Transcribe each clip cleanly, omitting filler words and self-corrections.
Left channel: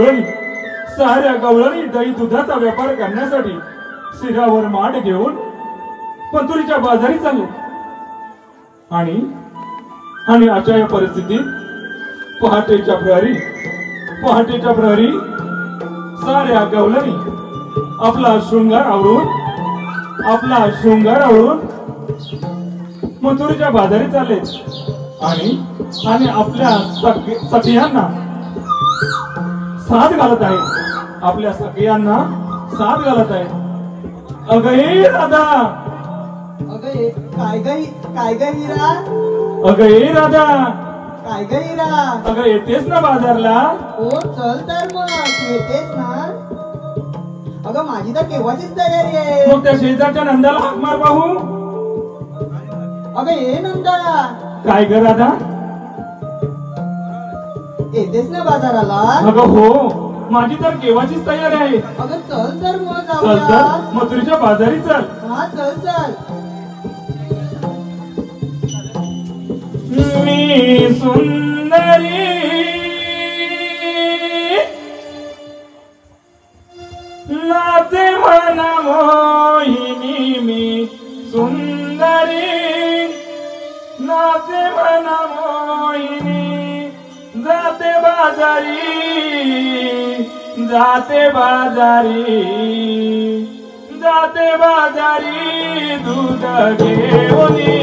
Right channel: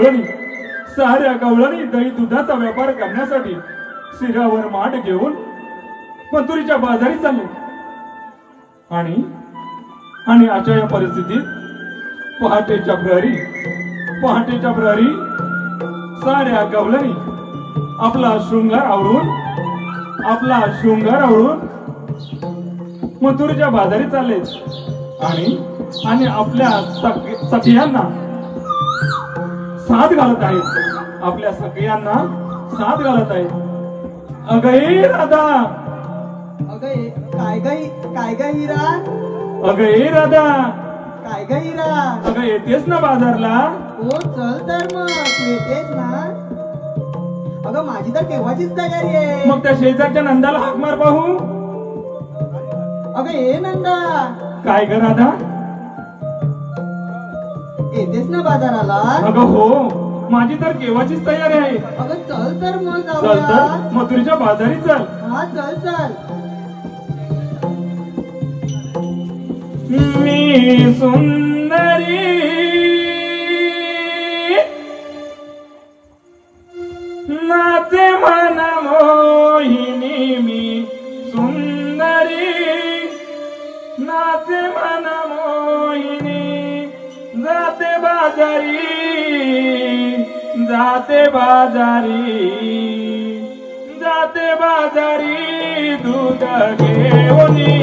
साऱ्या गवळणी दही दुधाचा व्यापार करण्यासाठी शिरावर माठ घेऊन मथुरीच्या बाजारी चालले आणि अशा या परिस्थितीत पहाटेच्या प्रहरी साऱ्या गवळणी आपला शृंगार आवरून मथुरीच्या बाजारी चालले आणि आपल्या सखियांना साथ घालत आहेत अगं राधा काय ग हिरा अगं येतेस ना बाजारला? हो चल तर मग येतेस ना. अगं माझी तर केव्हाचीच तयारी आहे. मग त्या शेजारच्या नंदाला हाक मार पाहू. अगं ये नंदा. काय ग राधा? येतेस ना बाजाराला? अगं हो, माझी तर केव्हाचीच तयारी आहे. अगं चल तर मग चल तर मथुरीच्या बाजारी चल. हा चल. मी सुंदरी नाचे मन मोहिनी, मी सुंदरी नाचे मन मोहिनी, जाते बाजारी दूध घेऊनी.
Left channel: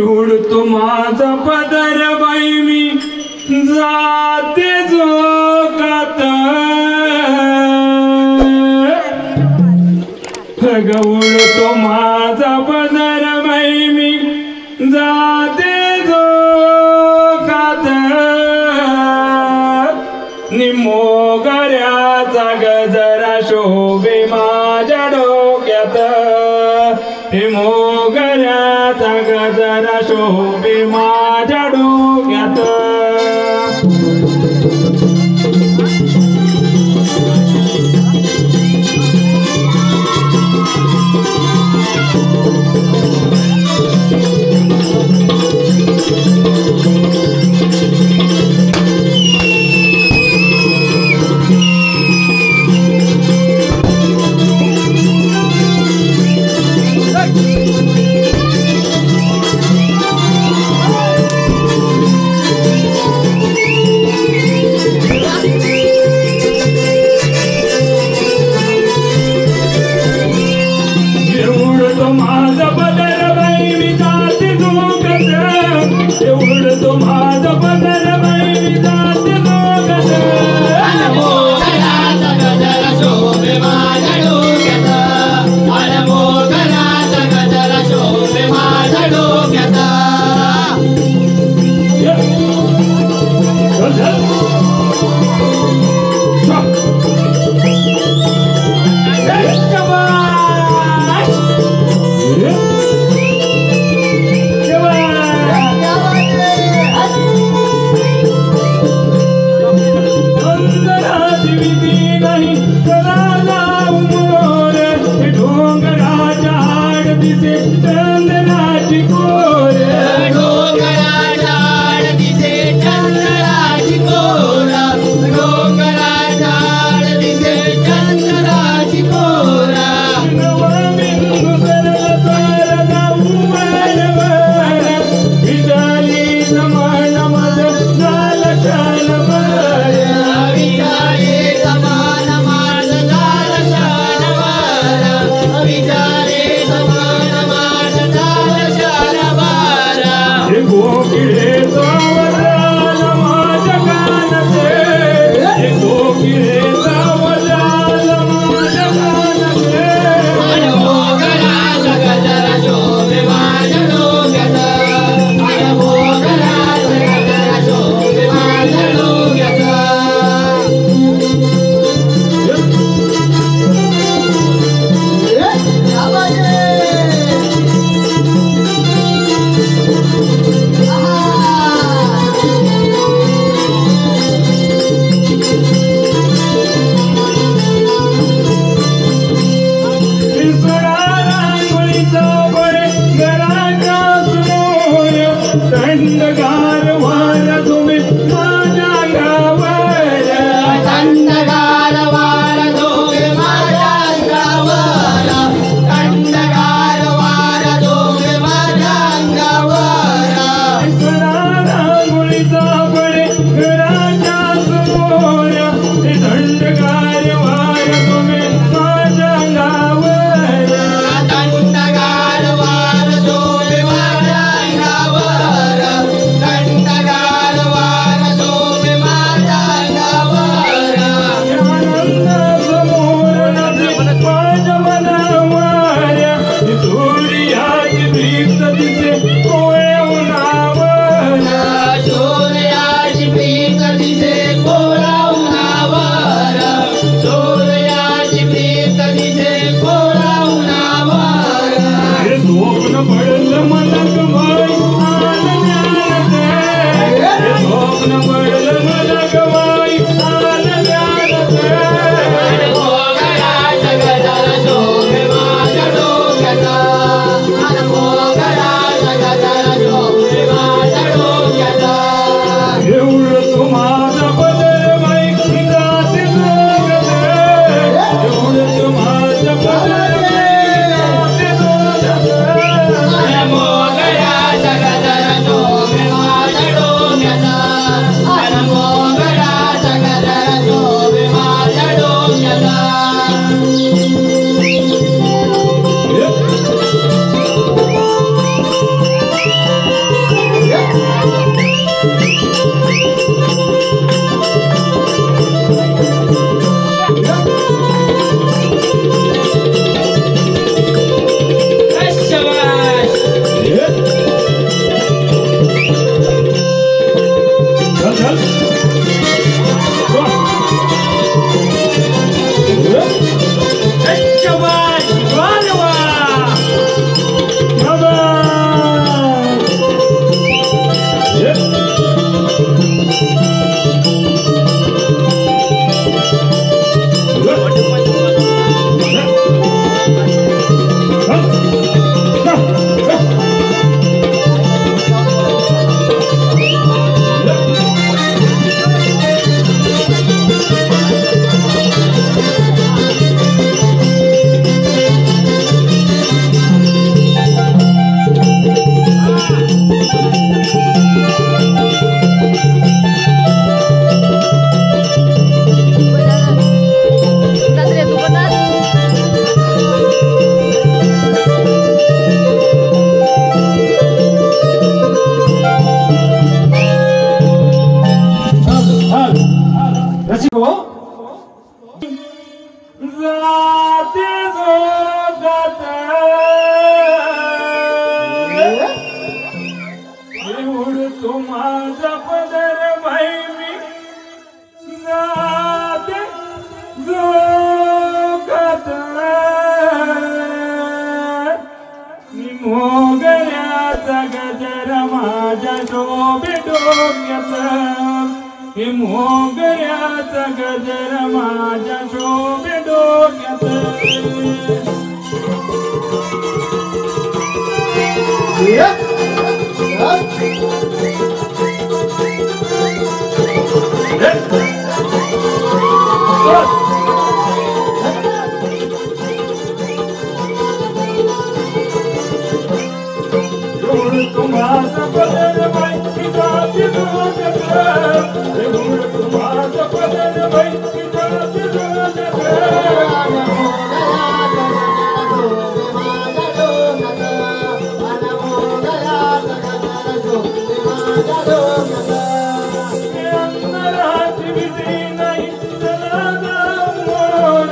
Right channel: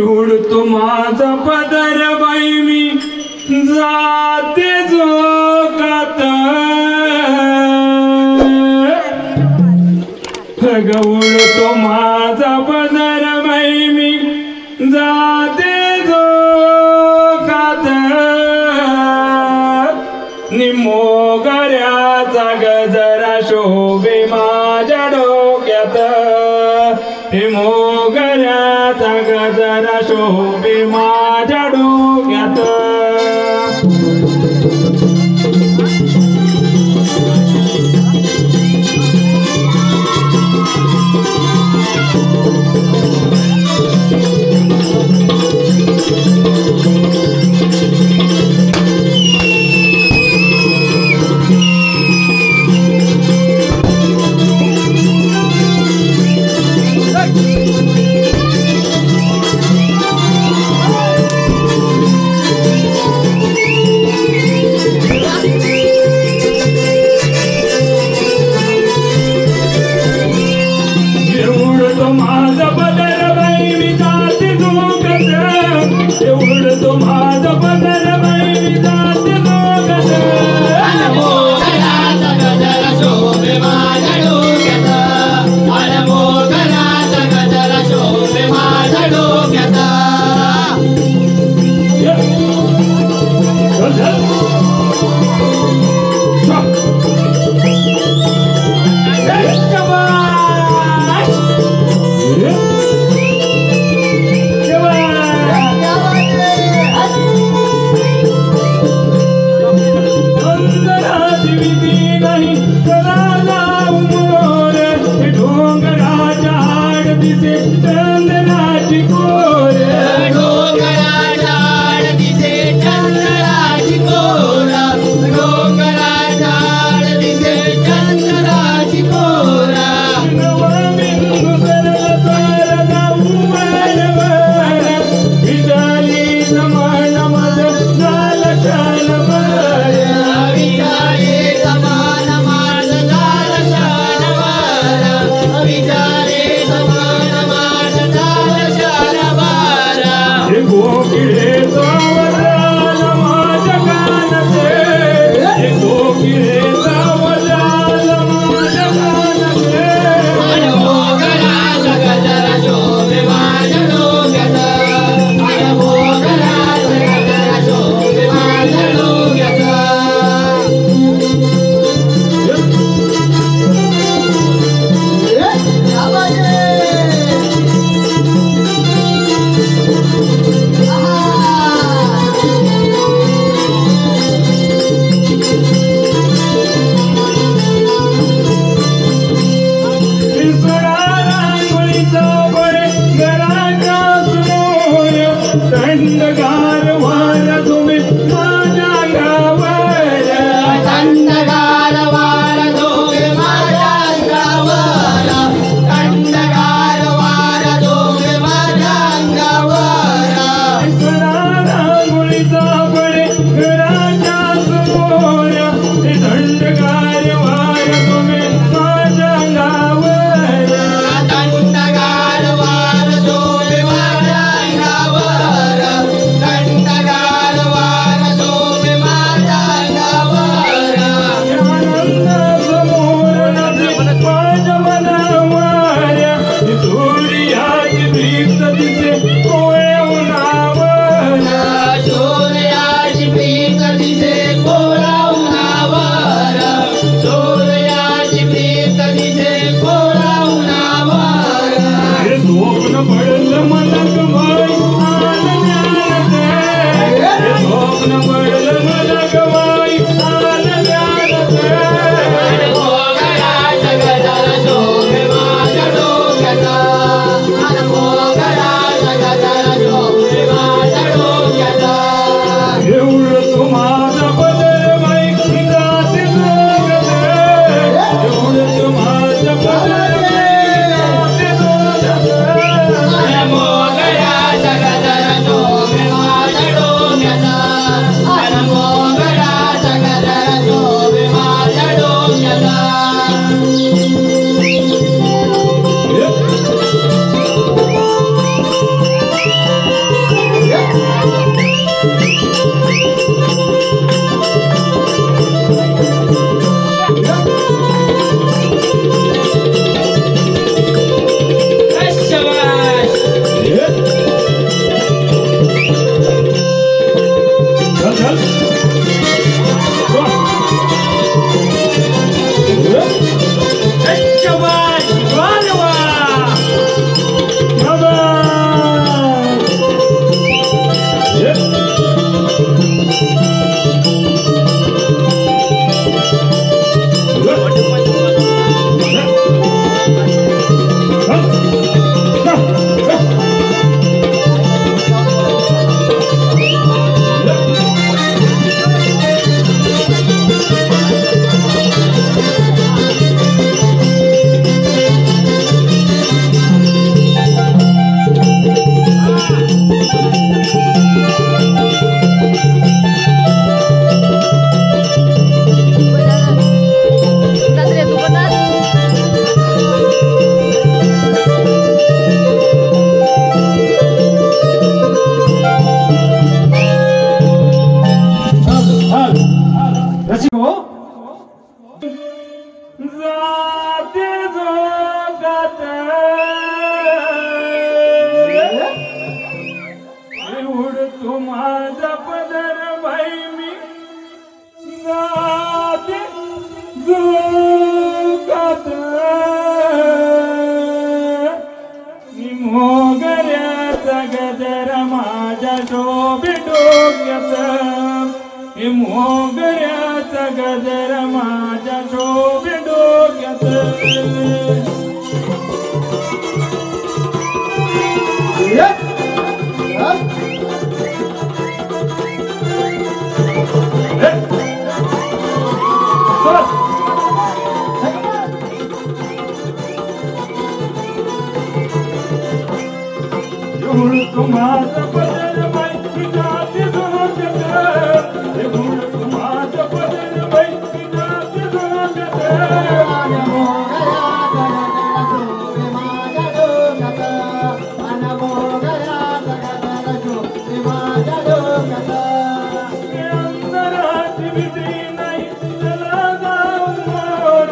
उडतो माझा पदर बाई मी जाते झोकात उडतो माझा पदर बाई मी जाते झोकात निमोगऱ्याचा गजरा शोभे माझ्या डोक्यात मोगऱ्याचा गजरा शोभे माझ्या डोक्यात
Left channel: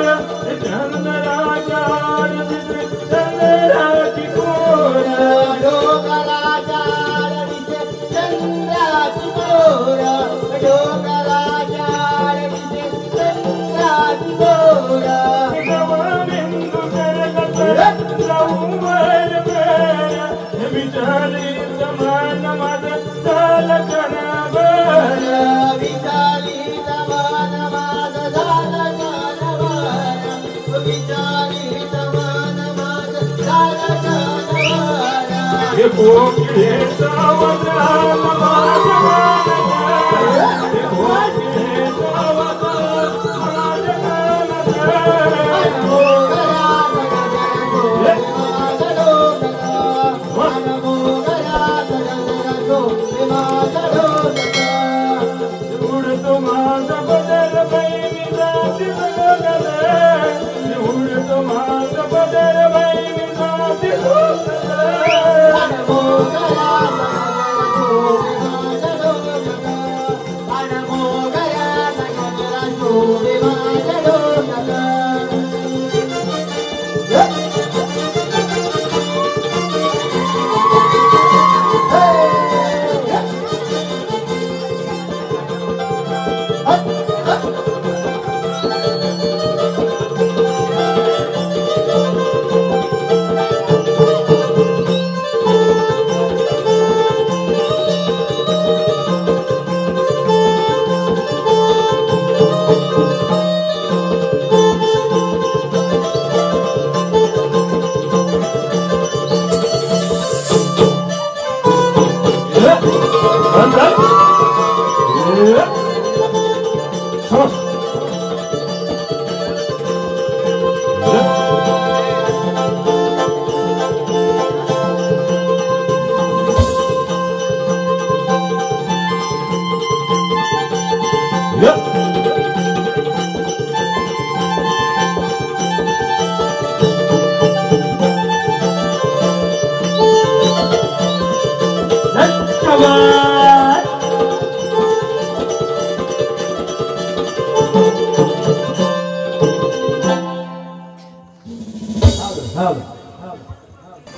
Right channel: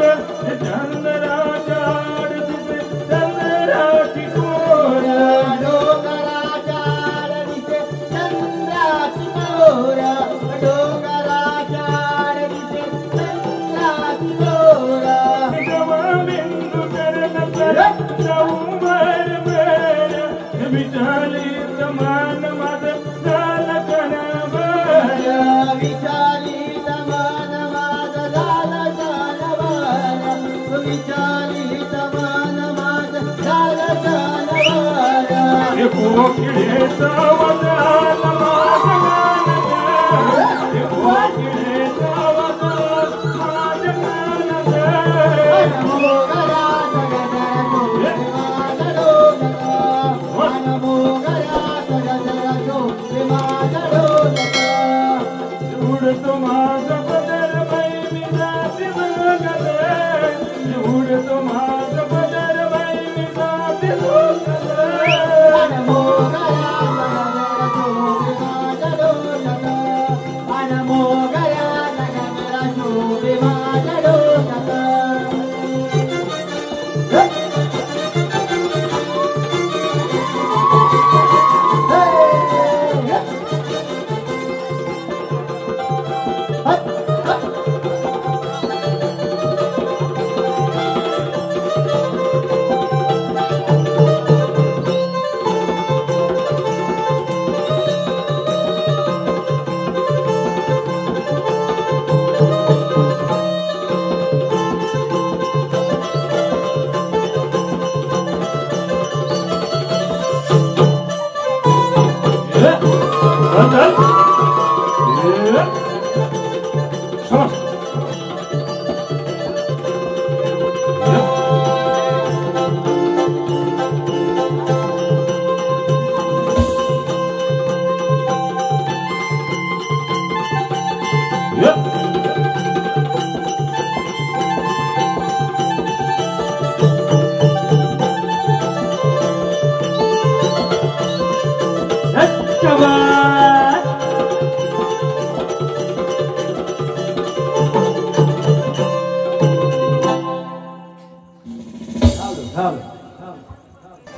चंद्राच्या आरतीत चंद्राची कोरा डोंगराच्या आरतीत चंद्राची कोरा डोंगराच्या आरतीत चंद्राची कोरा बिंदू सरगत चौवर वेळ विचारी समान माझ झालं कणावर विचारी समान माझ झालं कणावर विचारी समान माझ झालं कणावर हे कोकिळेचा आवाज आला माझ्या कानावर. हे कोकिळेचा आवाज आला माझ्या कानावर. उडतो माझा पदर बाई मी जाते सुगंध उडतो माझा पदर बाई मी जाते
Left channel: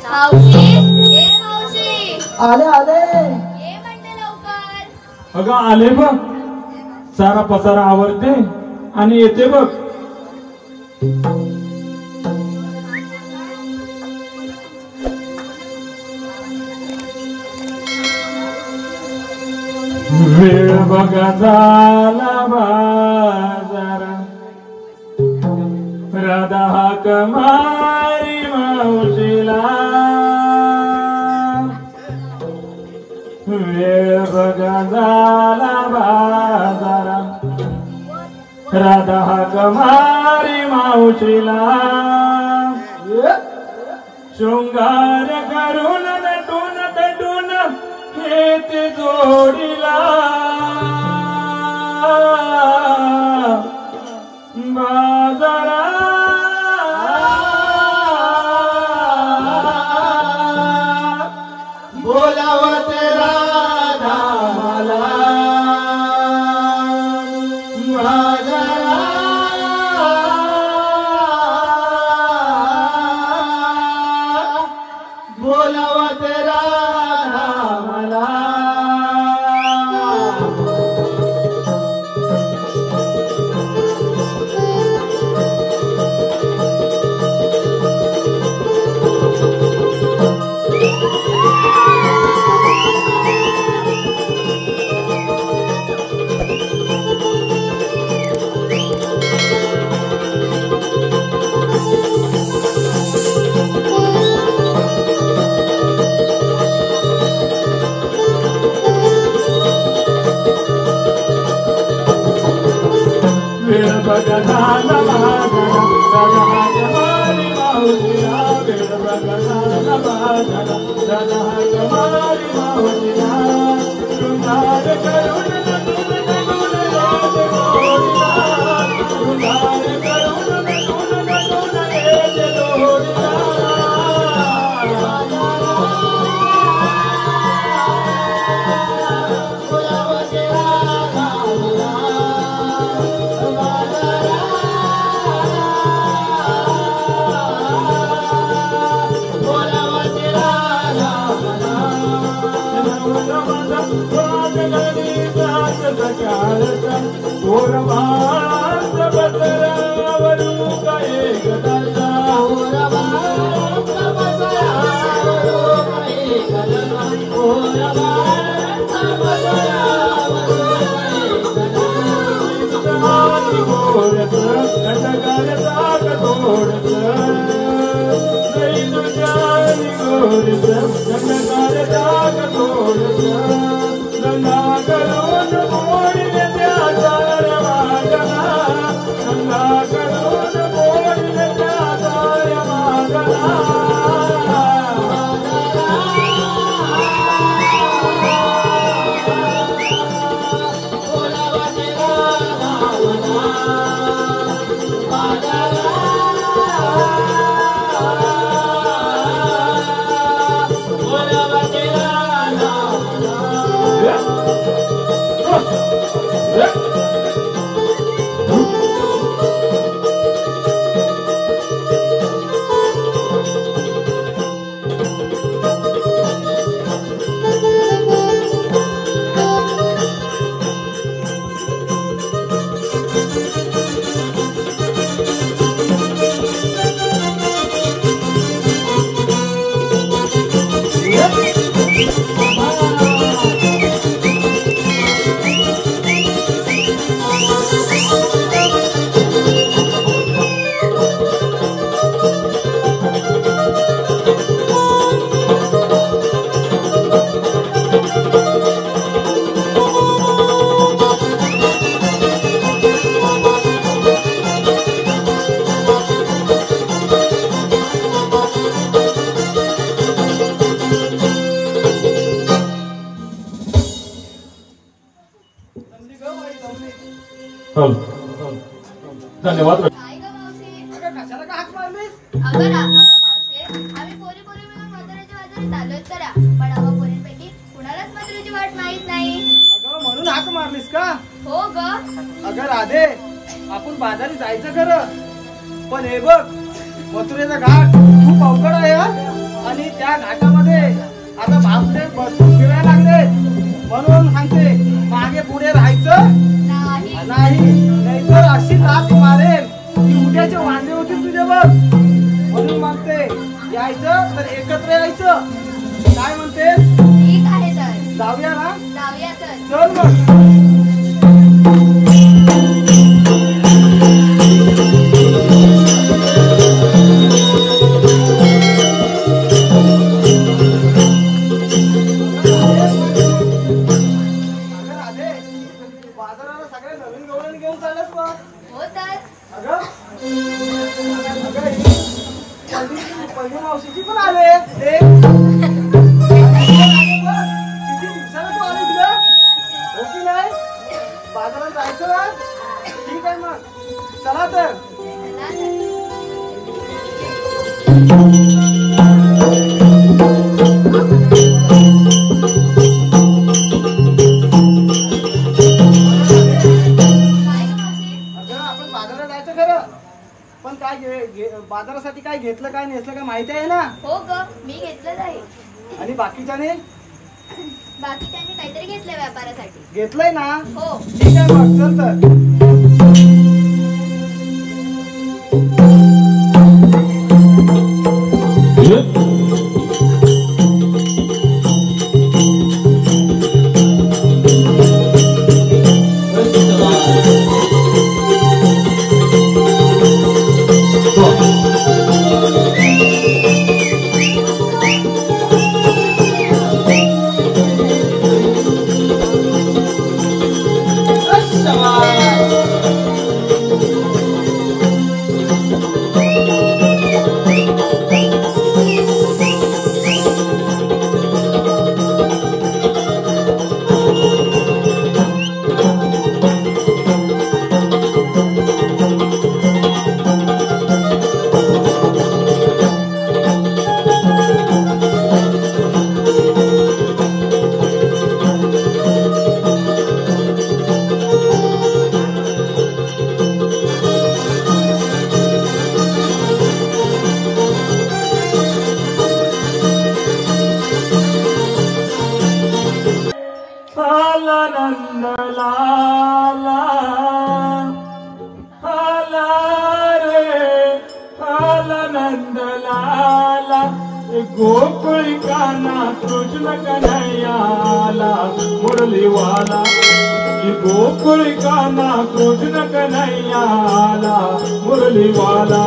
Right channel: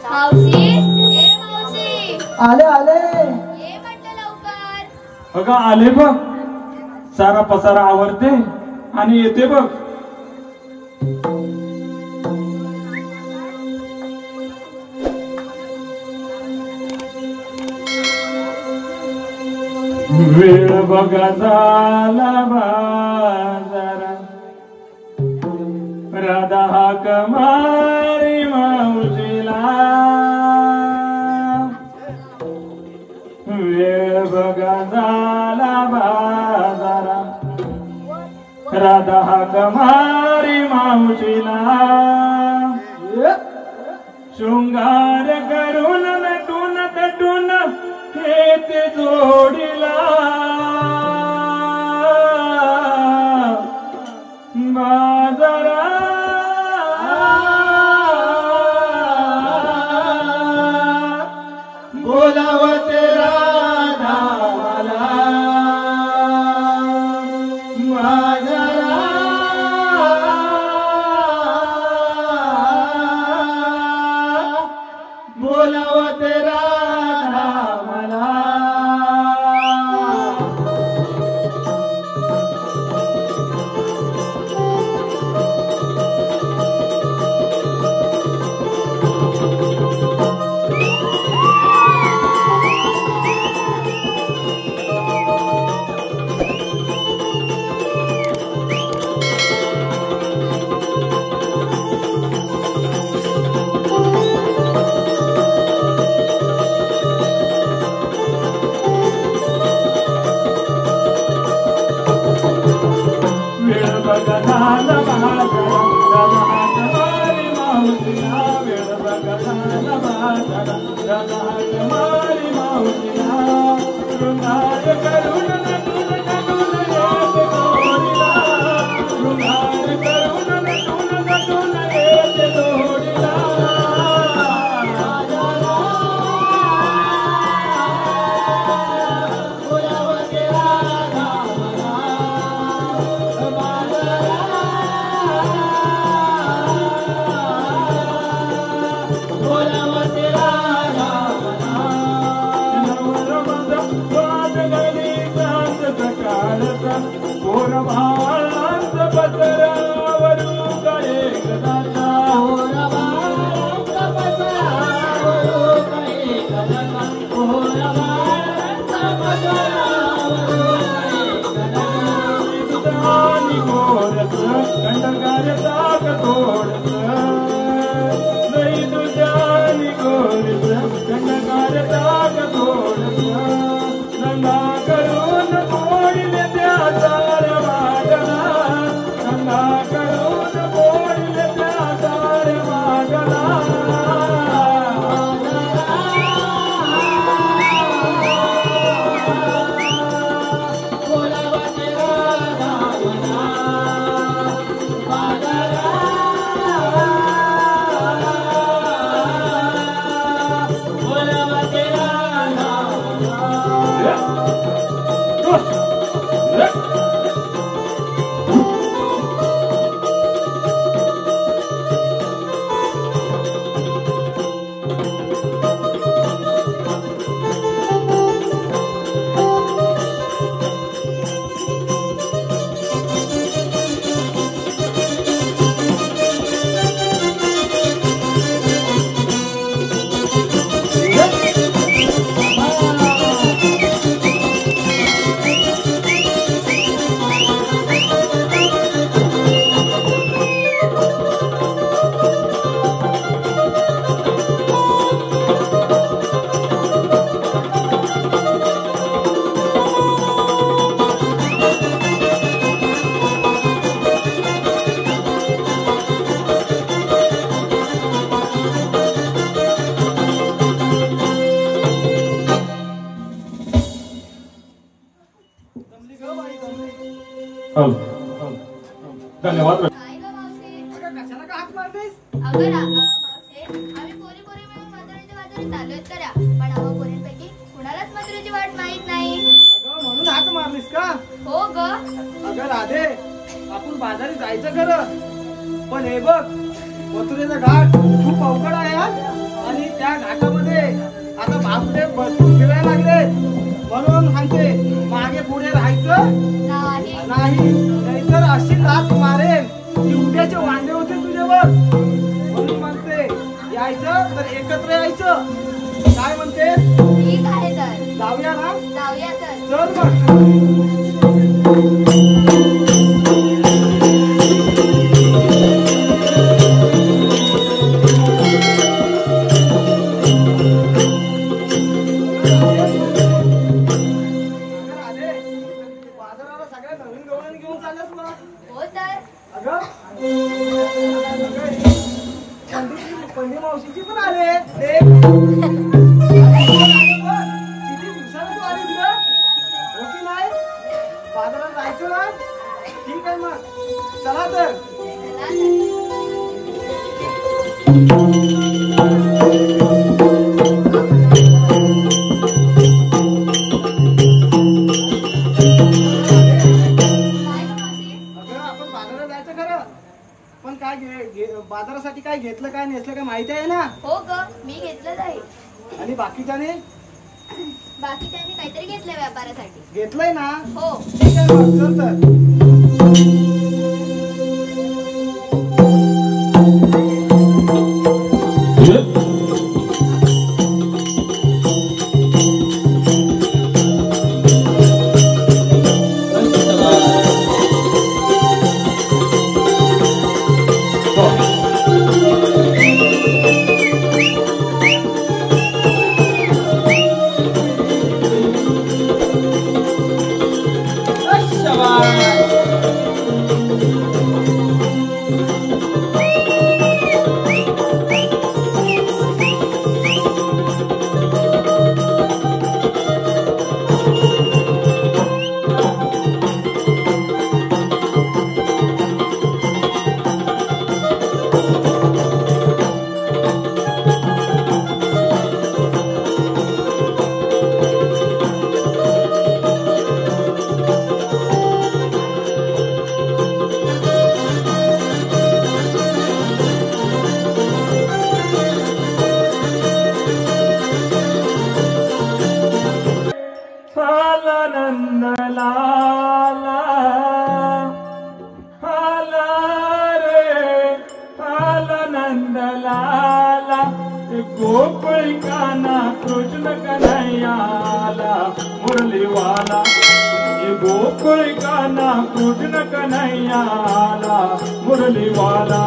मावशी ए मावशी आले आले ये म्हटलं लवकर. अगं आले बघ सारा पसारा आवरते आणि येते बघ. वेळ बघा झाला बाजारा राधा हाक मारी मावशीला वेळ बघा झाला बाजारा राधा हाक मारी मावशीला शृंगार करून नटून तटून येते जोडीला बाजारा बोलावते राधा मला बाजारा बोलावते राधा मला वेळ बघा झाला बाजारा राधा हाक मारी मावशीला वेळ बघा झाला बाजारा राधा हाक मारी मावशीला शृंगार करून नटून तटून येते जोडीला शृंगार करून नटून तटून येते जोडीला बोलावते राधा मला धन्यवाद. काय ग मावशी? अगं कशाला का हाक मारलीस? मावशी, आम्ही पोरी पोरी मिळून म्हाताऱ्याच्या बाजारात चाललोय करा, पण आम्हा पोरींपैकी कुणालाच म्हाताऱ्याची वाट माहित नाही. अगं म्हणून हाक मारलीस का? हो ग. अगं राधे, आपण बाजारी जायचं खरं, पण हे बघ मथुरेचा घाट खूप अवघड आहे हा. आणि त्या घाटामध्ये आता बापडे भरपूर फिरायला लागले, म्हणून सांगते मागे पुढे राहायचं नाही. नाहीतर अशी लात मारेल की उद्याचे वांदे होतील तुझे बघ. म्हणून म्हणते यायचं तर एकत्र यायचं. काय म्हणते? ठीक आहे तर जाऊया ना? जाऊया तर. चल मग. बाजाराला सगळ्या नवीन गवळणी घेऊन चालत मग. हो तर. अगं पंडित मावशीची पण आले. किती दिवसाला तू आलीस ग? हो की नाही? बाजारात जायचं ना? ठीक आहे मग, चला तर. चला तर. काय ग मावशी? अगं आपण बाजारात जायचं खरं, पण काय बाजारासाठी काय घेतलं काय नेसलं काय माहिती आहे ना? हो ग, मी घेतलंच आहे. आणि बाकीच्याने बाकी त्यांनी काहीतरी घेतलंय व्यापारासाठी. घेतलंय ना? हो. ठीक आहे मग, चल तर. गोकुल काना कृष्ण कन्हैयाला मुरली वाला. गोकुल काना कृष्ण कन्हैयाला मुरली वाला.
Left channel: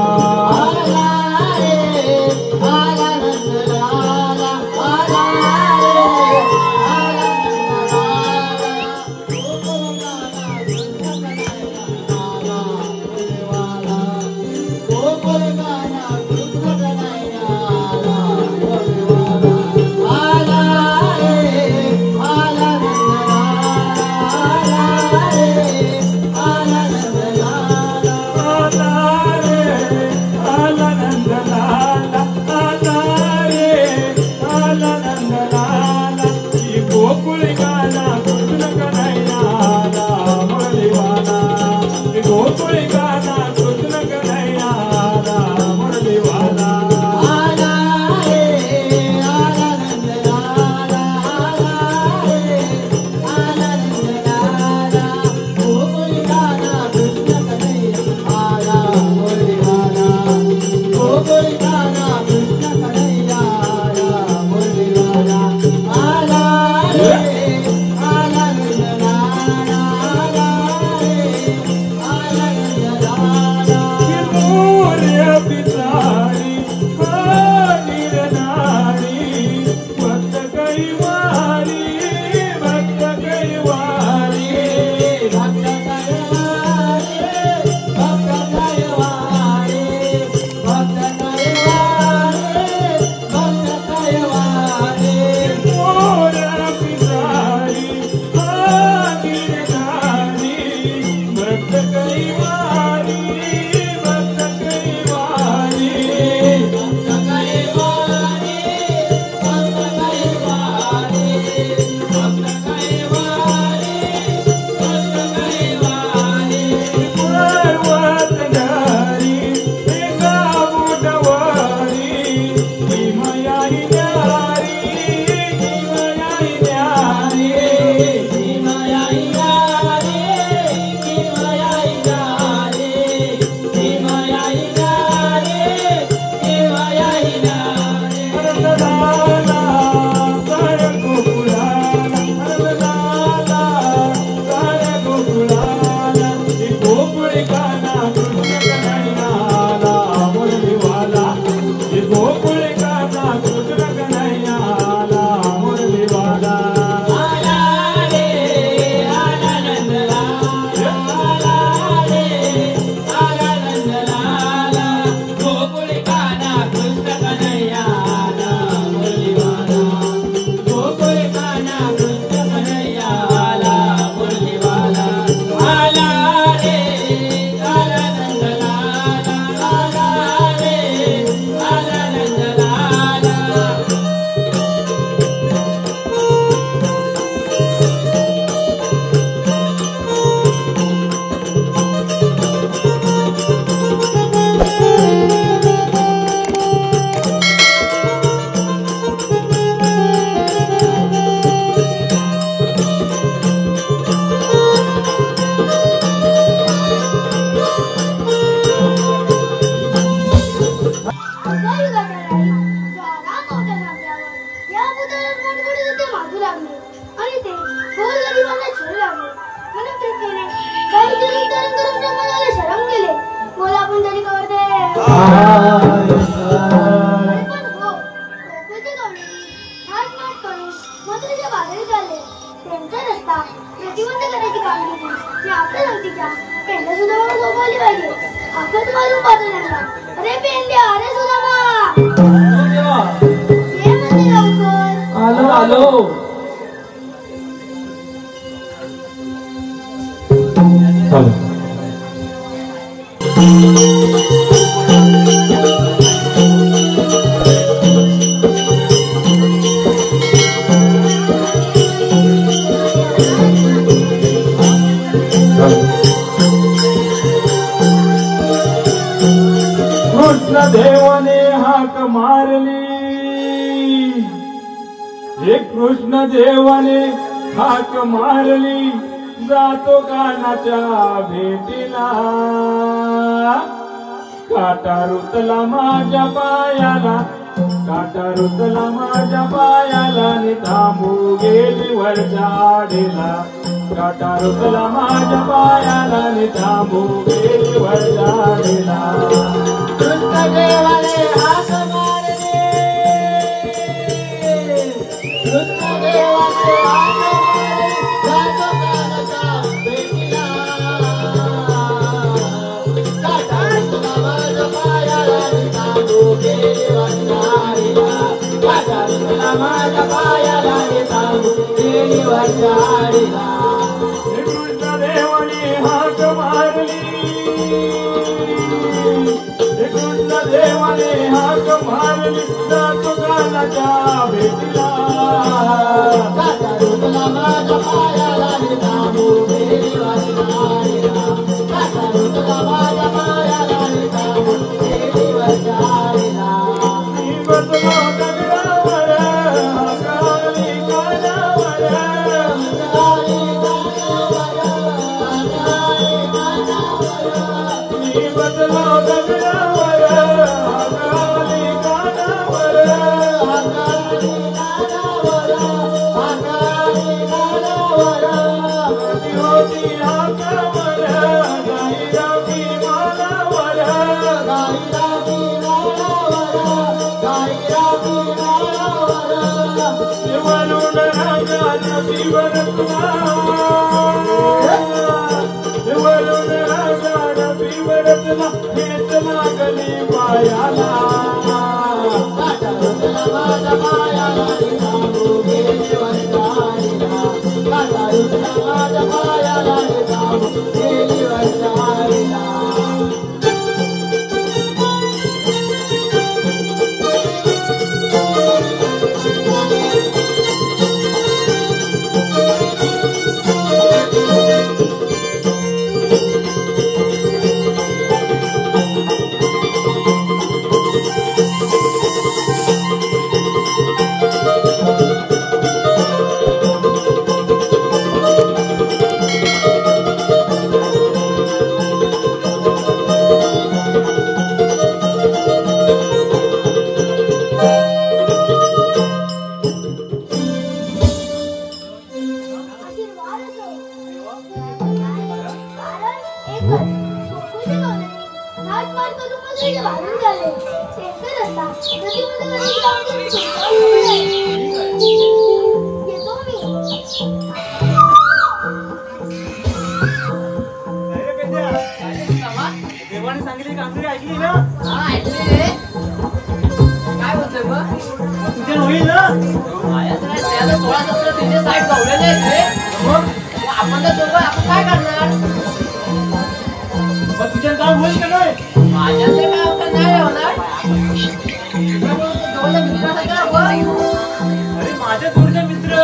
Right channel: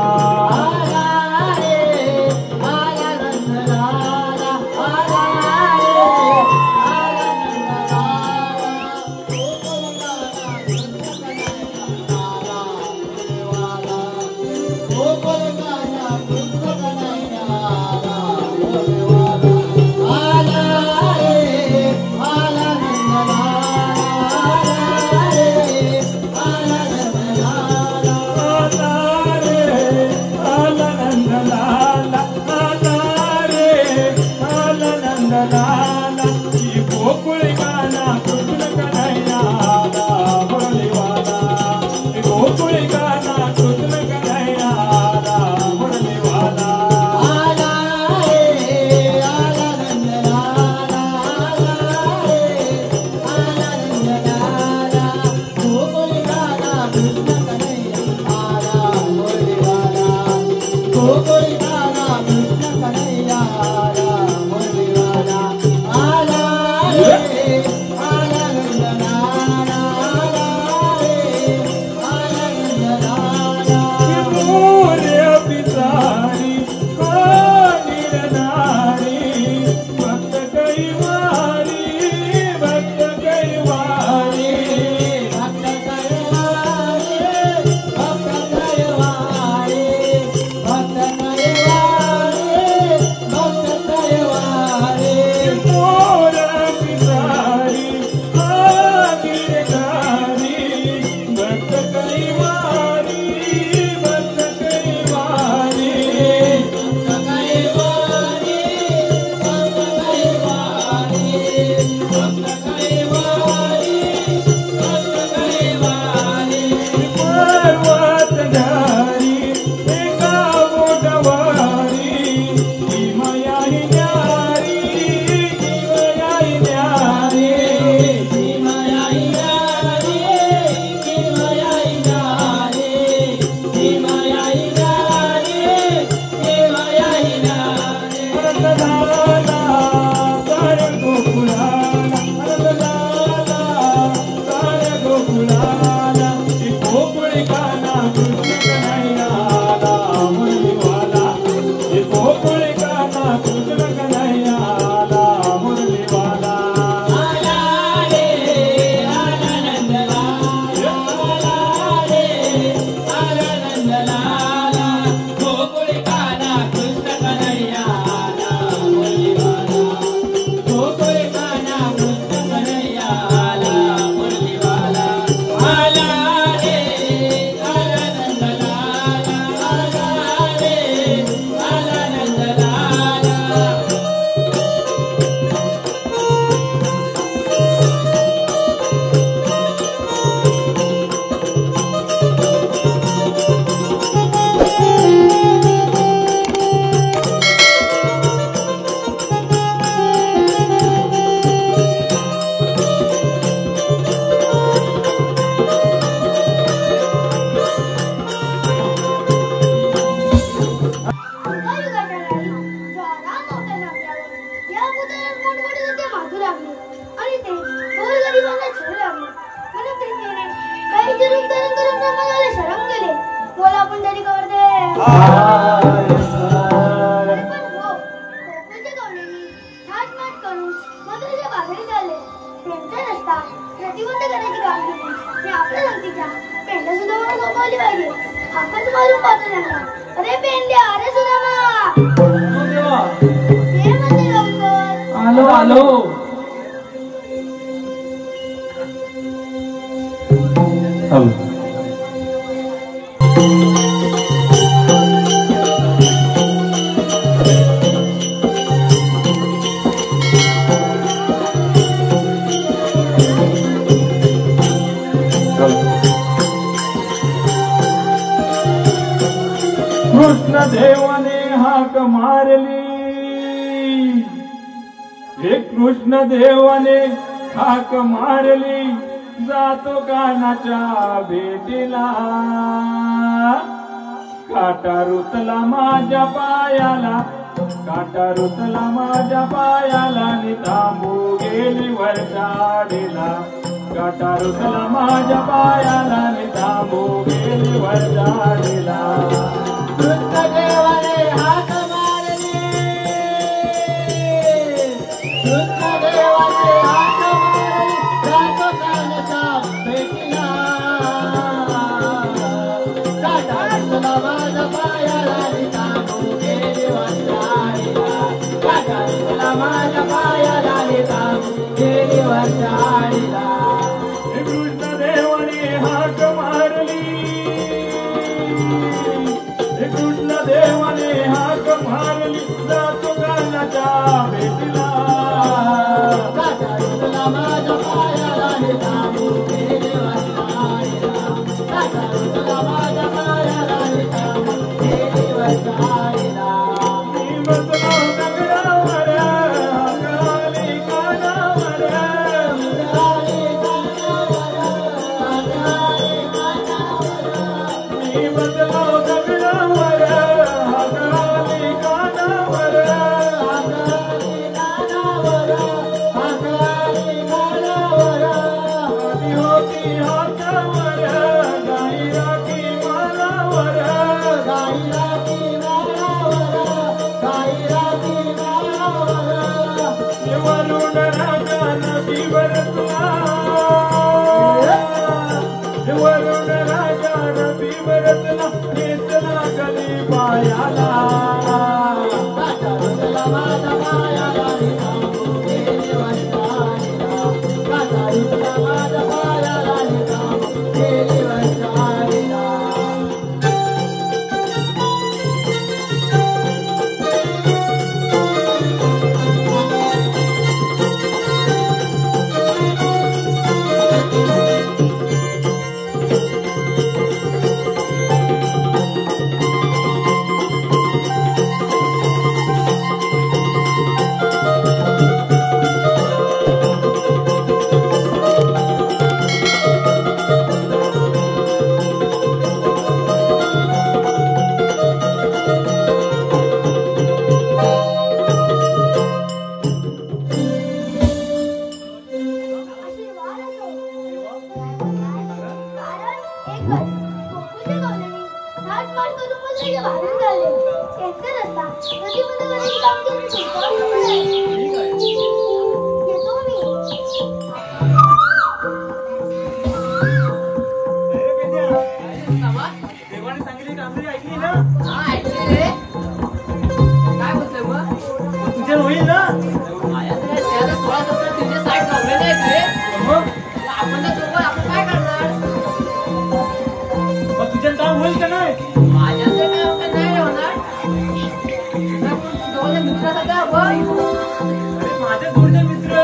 बोल आपण जरी कर दे प्रतिबंध करायची कामगिरी हे आपल्या धरतीच्या पेंड्या सुद्धा सोपवली पाहिजे. आपण मारून पाहतो त्यांना. अरे पेंड्या, अरे सुदामा, ये म्हणजे लवकर. आलो आलो. देवाने हाक मारली, हे कृष्ण देवाने हाक मारली, जातो कानाच्या भेटीला. काटा रुतला माझ्या पायाला, काटा रुतला माझ्या पायाला, नि थांबू गेली वरच्या आडीला. काटा रुतला माझ्या पायाला, नि थांबू गेली वरच्या आडीला. कृष्णदेवाने हाक मारली, कृष्णदेवाने हाक मारली, जातो कानाच्या भेटीला. काटा रुतला माझ्या पायाला, नि थांबू गेली वरच्या आडीला. काटा रुतला माझ्या पायाला, नि थांबू गेली वरच्या आडीला. कृष्णदेवाने हाक मारली, कृष्णदेवाने हाक मारली, जातो कानाच्या भेटीला. काटा रुतला माझ्या पायाला, नि थांबू गेली वरच्या आडीला. काटा रुतला माझ्या पायाला, नि थांबू गेली वरच्या आडीला. मी बसलो दगडावर, हाकाली कानावर. मी बसलो दगडावर, हाकाली कानावर. गादी होती हातावर, गाई राखी मानावर. वरून रागानं पिवर तुला, वरून रागानं पिवर तुला, हेच लागली पायाला. देवाने सांगितली कामगिरी ऐकली ना? हा ऐकली रे. काय बोलतोय मग? तुझे होईल ना? त्याला 16-17 तुझे साईड गावलेले आहेत रे. मग आपण तर दोघं आपण काय करणार? मग तुझे काम होईल का नाही? माझ्या तर काय होणार नाही रे होणार. तुझ्याकडून तू जवळच्या मित्रासाठी बघ. अरे माझे दूरचे मित्र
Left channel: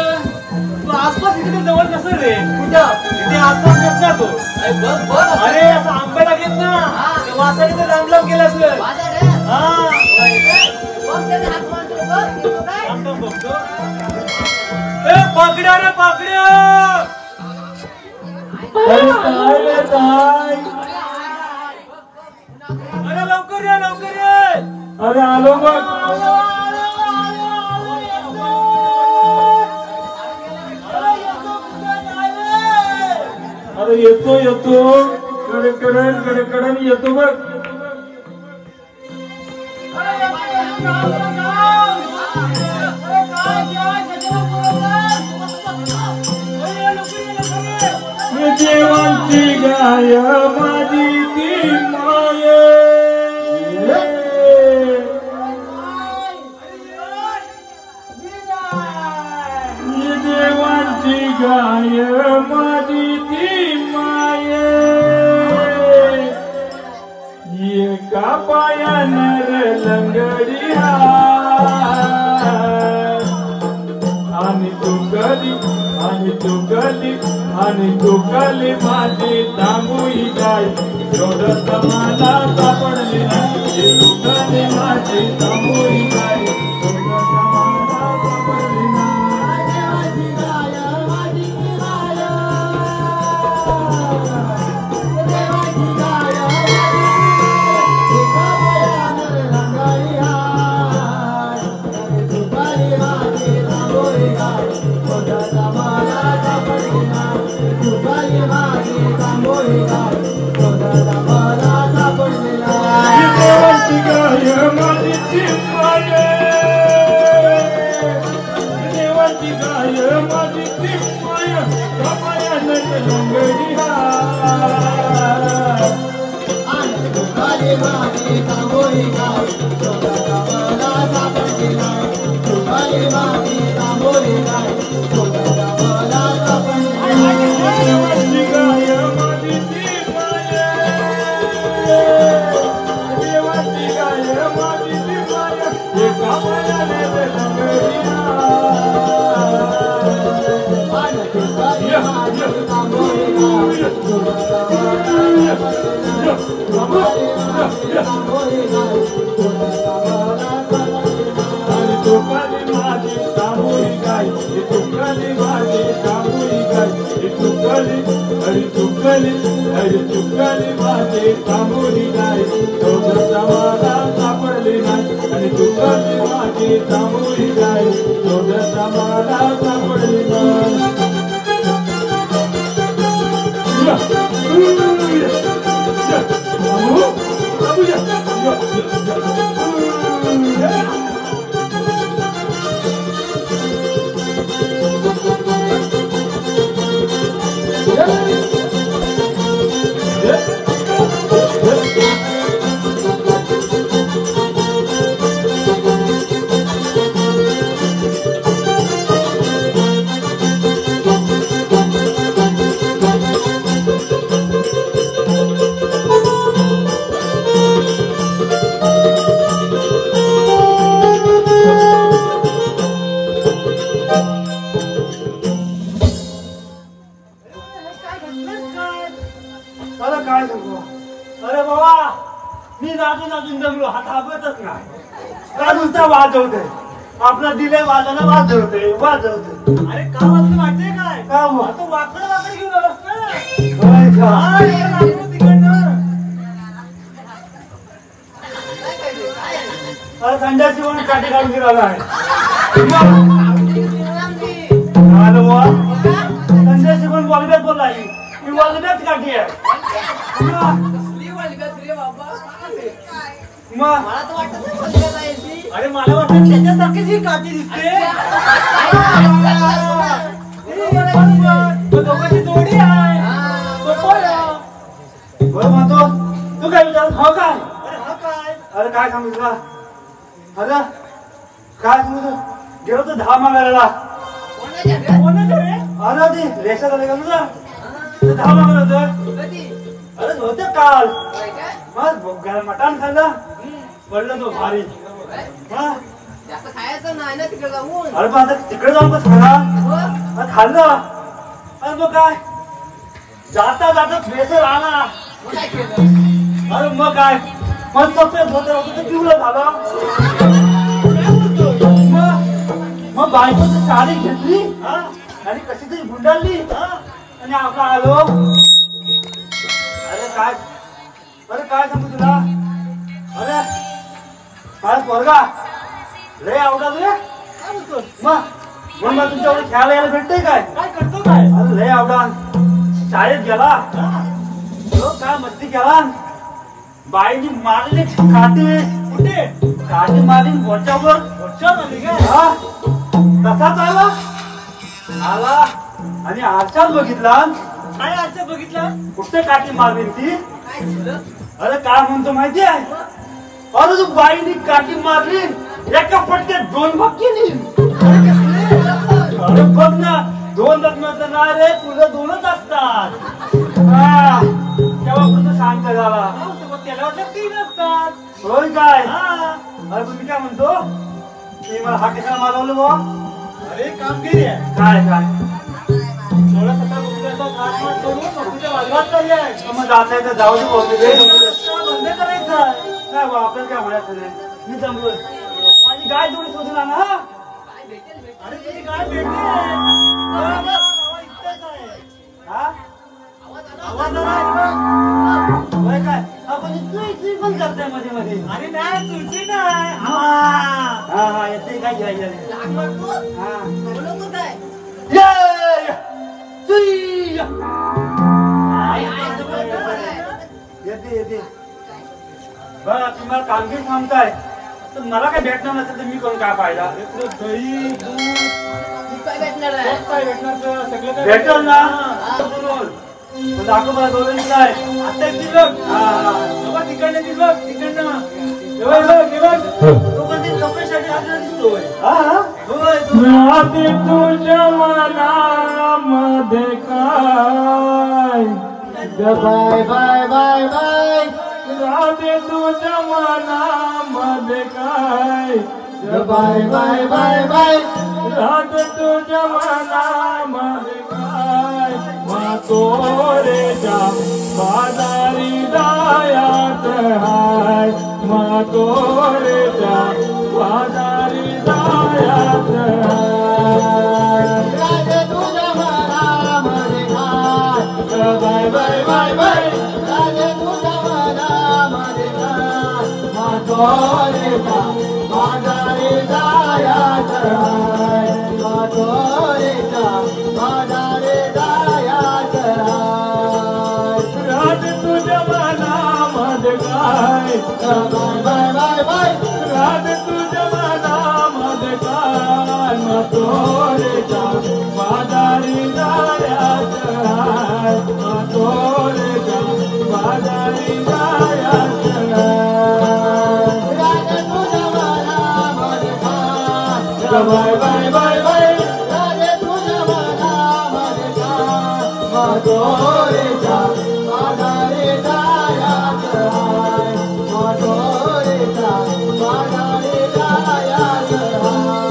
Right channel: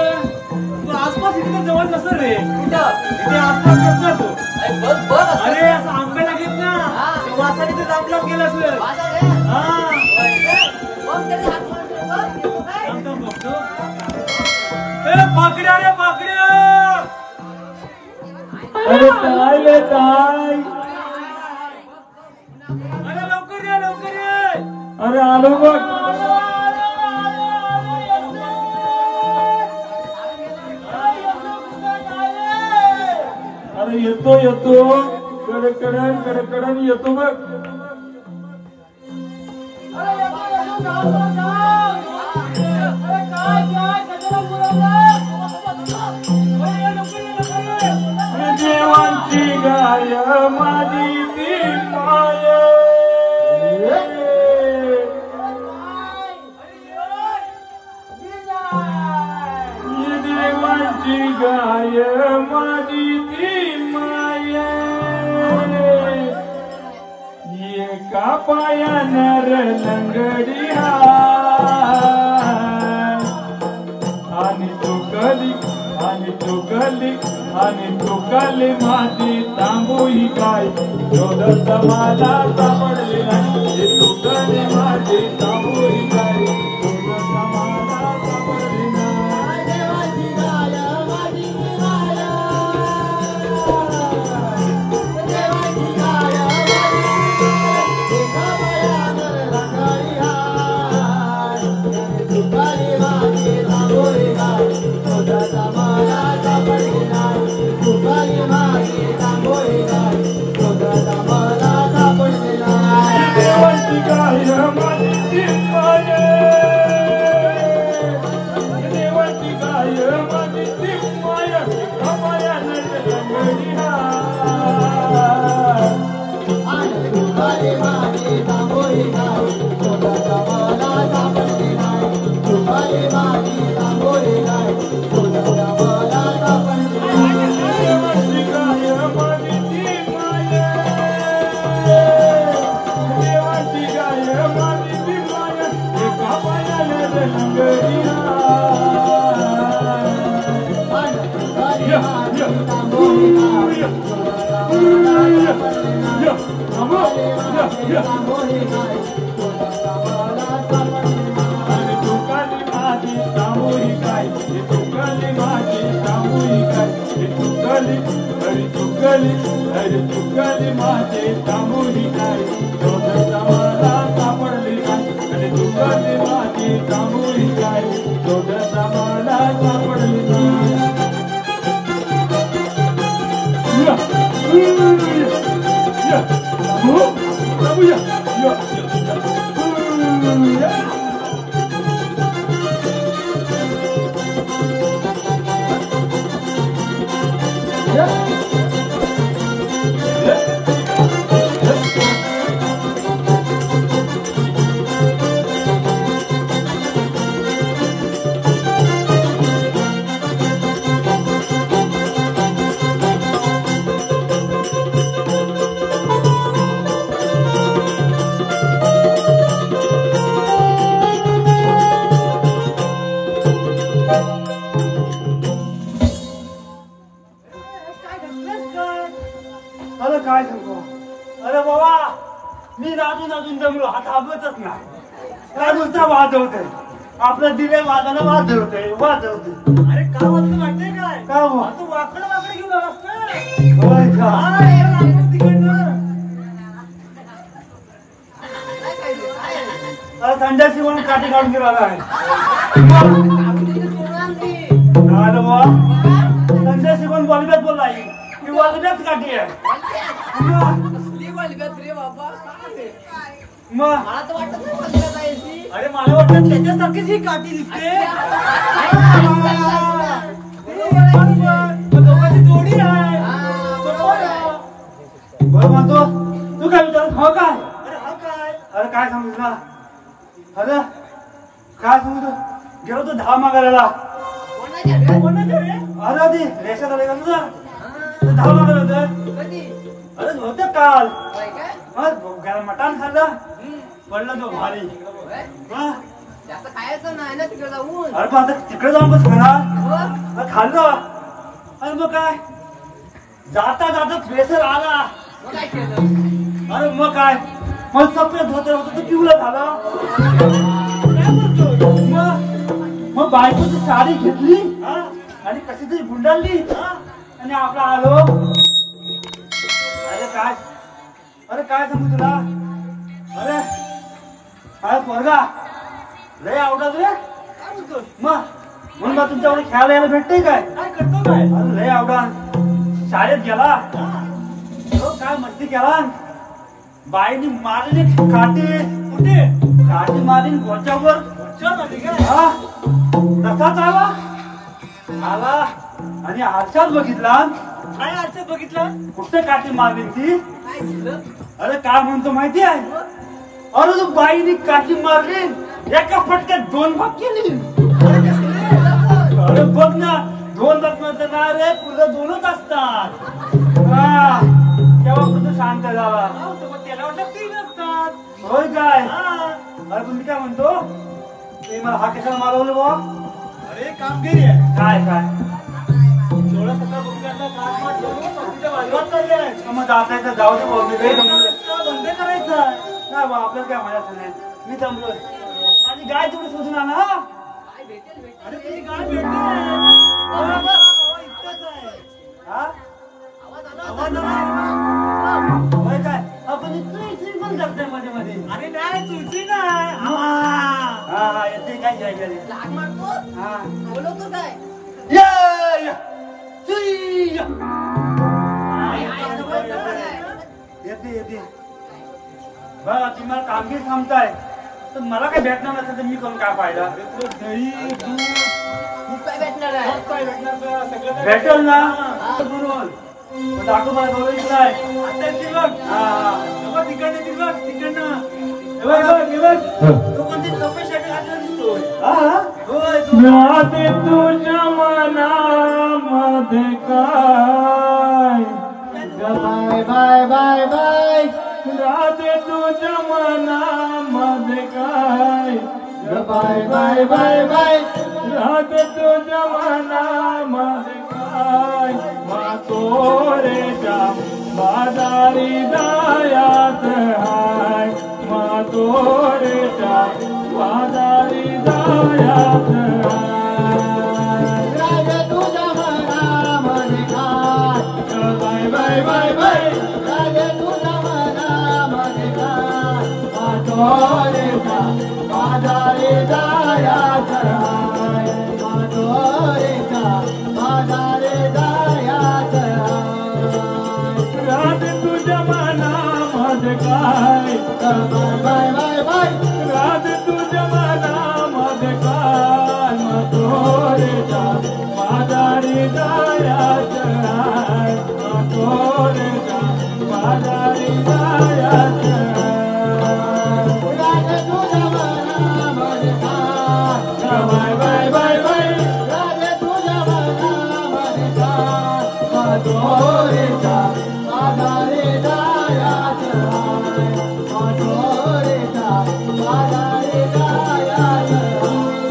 तू आसपास इथे जवळ कसं रे? कुठं? इथे आसपास नसला तो. अरे बघ बघ असं. अरे असं आंब्याला घेत ना हा. ते वासाने ते लांब लांब गेलं असलं. वाजा रे. हा होय काय? बघ त्याचा हात मारतो बघ. तू काय? थांब थांब बघतो. ए पाकड्या रे पाकड्या. अरे काय रे काय? अरे लवकर या लवकर ये. अरे आलो मग. अरे येतो येतो. कडकडन येतो बघ. देवांची गाय माझी ती माये, देवांची गाय माझी ती माये, एका पायानं लंगडी आणि तू गली आणि तू गली आणि तू गली माझी थांबूही काय शोधत मला सापडली नाही, गली माझी थांबूही काय शोधत मला सापडली नाही. देवाची गाय माझी गाय, देवाची गाय एका पायानं लंगडी तू गली माझी थांबूही काय शोधत मला सापडली नाही. देवाची गाय माझी ती माये, देवाची गाय माझी ती माये, कपायानं लंगडी माझी थांबोई गाय शोधत मला सापडली नाही, देवाची गाय मला सापडली नाही. देवाची गाय माझी ती माये, देवाची गाय माझी ती माये, एका पायाने लंगडी अरे चुकली माझी तांबोरी गाय शोधत मला सापडली नाही, आणि चुकली माझी तांबोरी गाय शोधत मला सापडली नाही. आपलं दिले वाजायला वाजवते. अरे का वाजते माहितीये काय? का वाकड वाकड घेऊन आलास ना? अरे संध्याची म्हणून काठी काढून फिरायला आहे. संध्याची पण बॉलबॅट बोलला ही बॉलबॅट काठी आहे. मग मला तर वाटत नाही बोलले जायची. अरे मला वाटतं त्याच्यासारखीच ही काठी दिसते. दोघांची जोडी आहे. बरं म्हणतो तू काय विचार हो काय? अरे काय सांगू तुला? अरे काय सांगू तू? गेलो तू 10 मागायला. अरे आधी लेशात आले का तुझ्या 10 मागायला होतं. अरे होते काल मटण खाल्लं पडलं तो भारी. जास्त खायचं नाही ना तिकडे जाऊन. अरे पण आता तिकडे जाऊन बस खाना खाल्लं. अरे मग काय जाता जाता प्रेशर आला. अरे मग काय मस्त पेट होतं तर पिवलं खाला. मग बायकोची साडी घेतली आणि कशी तरी गुंडाळली आणि आपला आलो. अरे काय सांगू तुला? अरे काय पोरगा लय आवडत रे. मग तुमच्याकडे खेळायला भेटते काय? काय करतो काय? अरे लय आवडा शाळेत गेला काय मस्ती केला बाईनी मारली काठी कुठे काठी मारीन घोच्यावर कसाच आला आणि आरशात बघितला काय आरशात बघितला कुठे काठी मारली ती अरे काय म्हणतो माहिती आहे अरे तू बाईनी काठी मारली एका फटक्यात 2 भाग केली अरे बघ ना 2 रत्नाचं ना रे तुझं 2च असतात तेव्हा तुझं शांत झाला त्याला 3 असतात होय काय अरे तुम्ही काय म्हणतो मी मला हा कशाला मारवलं बुवा अरे काम केली काय काय 16-17 मग असायचं जाऊ दे बंद करायचं काय बा आपल्याला काय म्हणायचं नाही मी जमलोय माझी गाय तेवढी सुधरा ना अरे तुझी गाय भेटते काय आपण तुझी पण करताय मध्ये मध्ये अरे नाही तुझी नाही हा येते काय येते येते तुम्हाला कामगिरी सांगताय तर मला काय भेटणार नसेल तर मी कोण काय पाहिला दही दूध काय भेटणार आहे काय भेटणार सगळं भेटल ना म्हणून दाखव मला दोन काय आता दिलं तिकडनं दिलं तिकडनं तू कोणती चौकशीसाठी आलेला दिसतोय राधी तुझ्या मनामध्ये काय बाय बाय बाय बाय राधी तुझ्या मनामध्ये काय बाय बाय बाय बाय राधी तुझ्या मनामध्ये काय मातोरेच्या बाजारी जायाच हाय मातोरेच्या बाजारी जायाच हाय तुझ्या मनामध्ये काय बाय बाय बाय बाय राधे तुझ्या मनामध्ये काय मातोरेच्या बाजारी जायाच हाय मातोरेच्या बाजारी जायाच हाय राधे तुझ्या मनामध्ये काय बाय बाय बाय राधे तुझ्या मनामध्ये काय मातोरेच्या बाजारी जायाच हाय मातोरेच्या बाजारी जायाच राधे तुझ्या मनामध्ये काय बाय बाय बाय बाय राधे तुझ्या मनामध्ये काय मातोरेच्या बाजारी जायाच हाय मातोरेच्या बाजारी जायाच हाय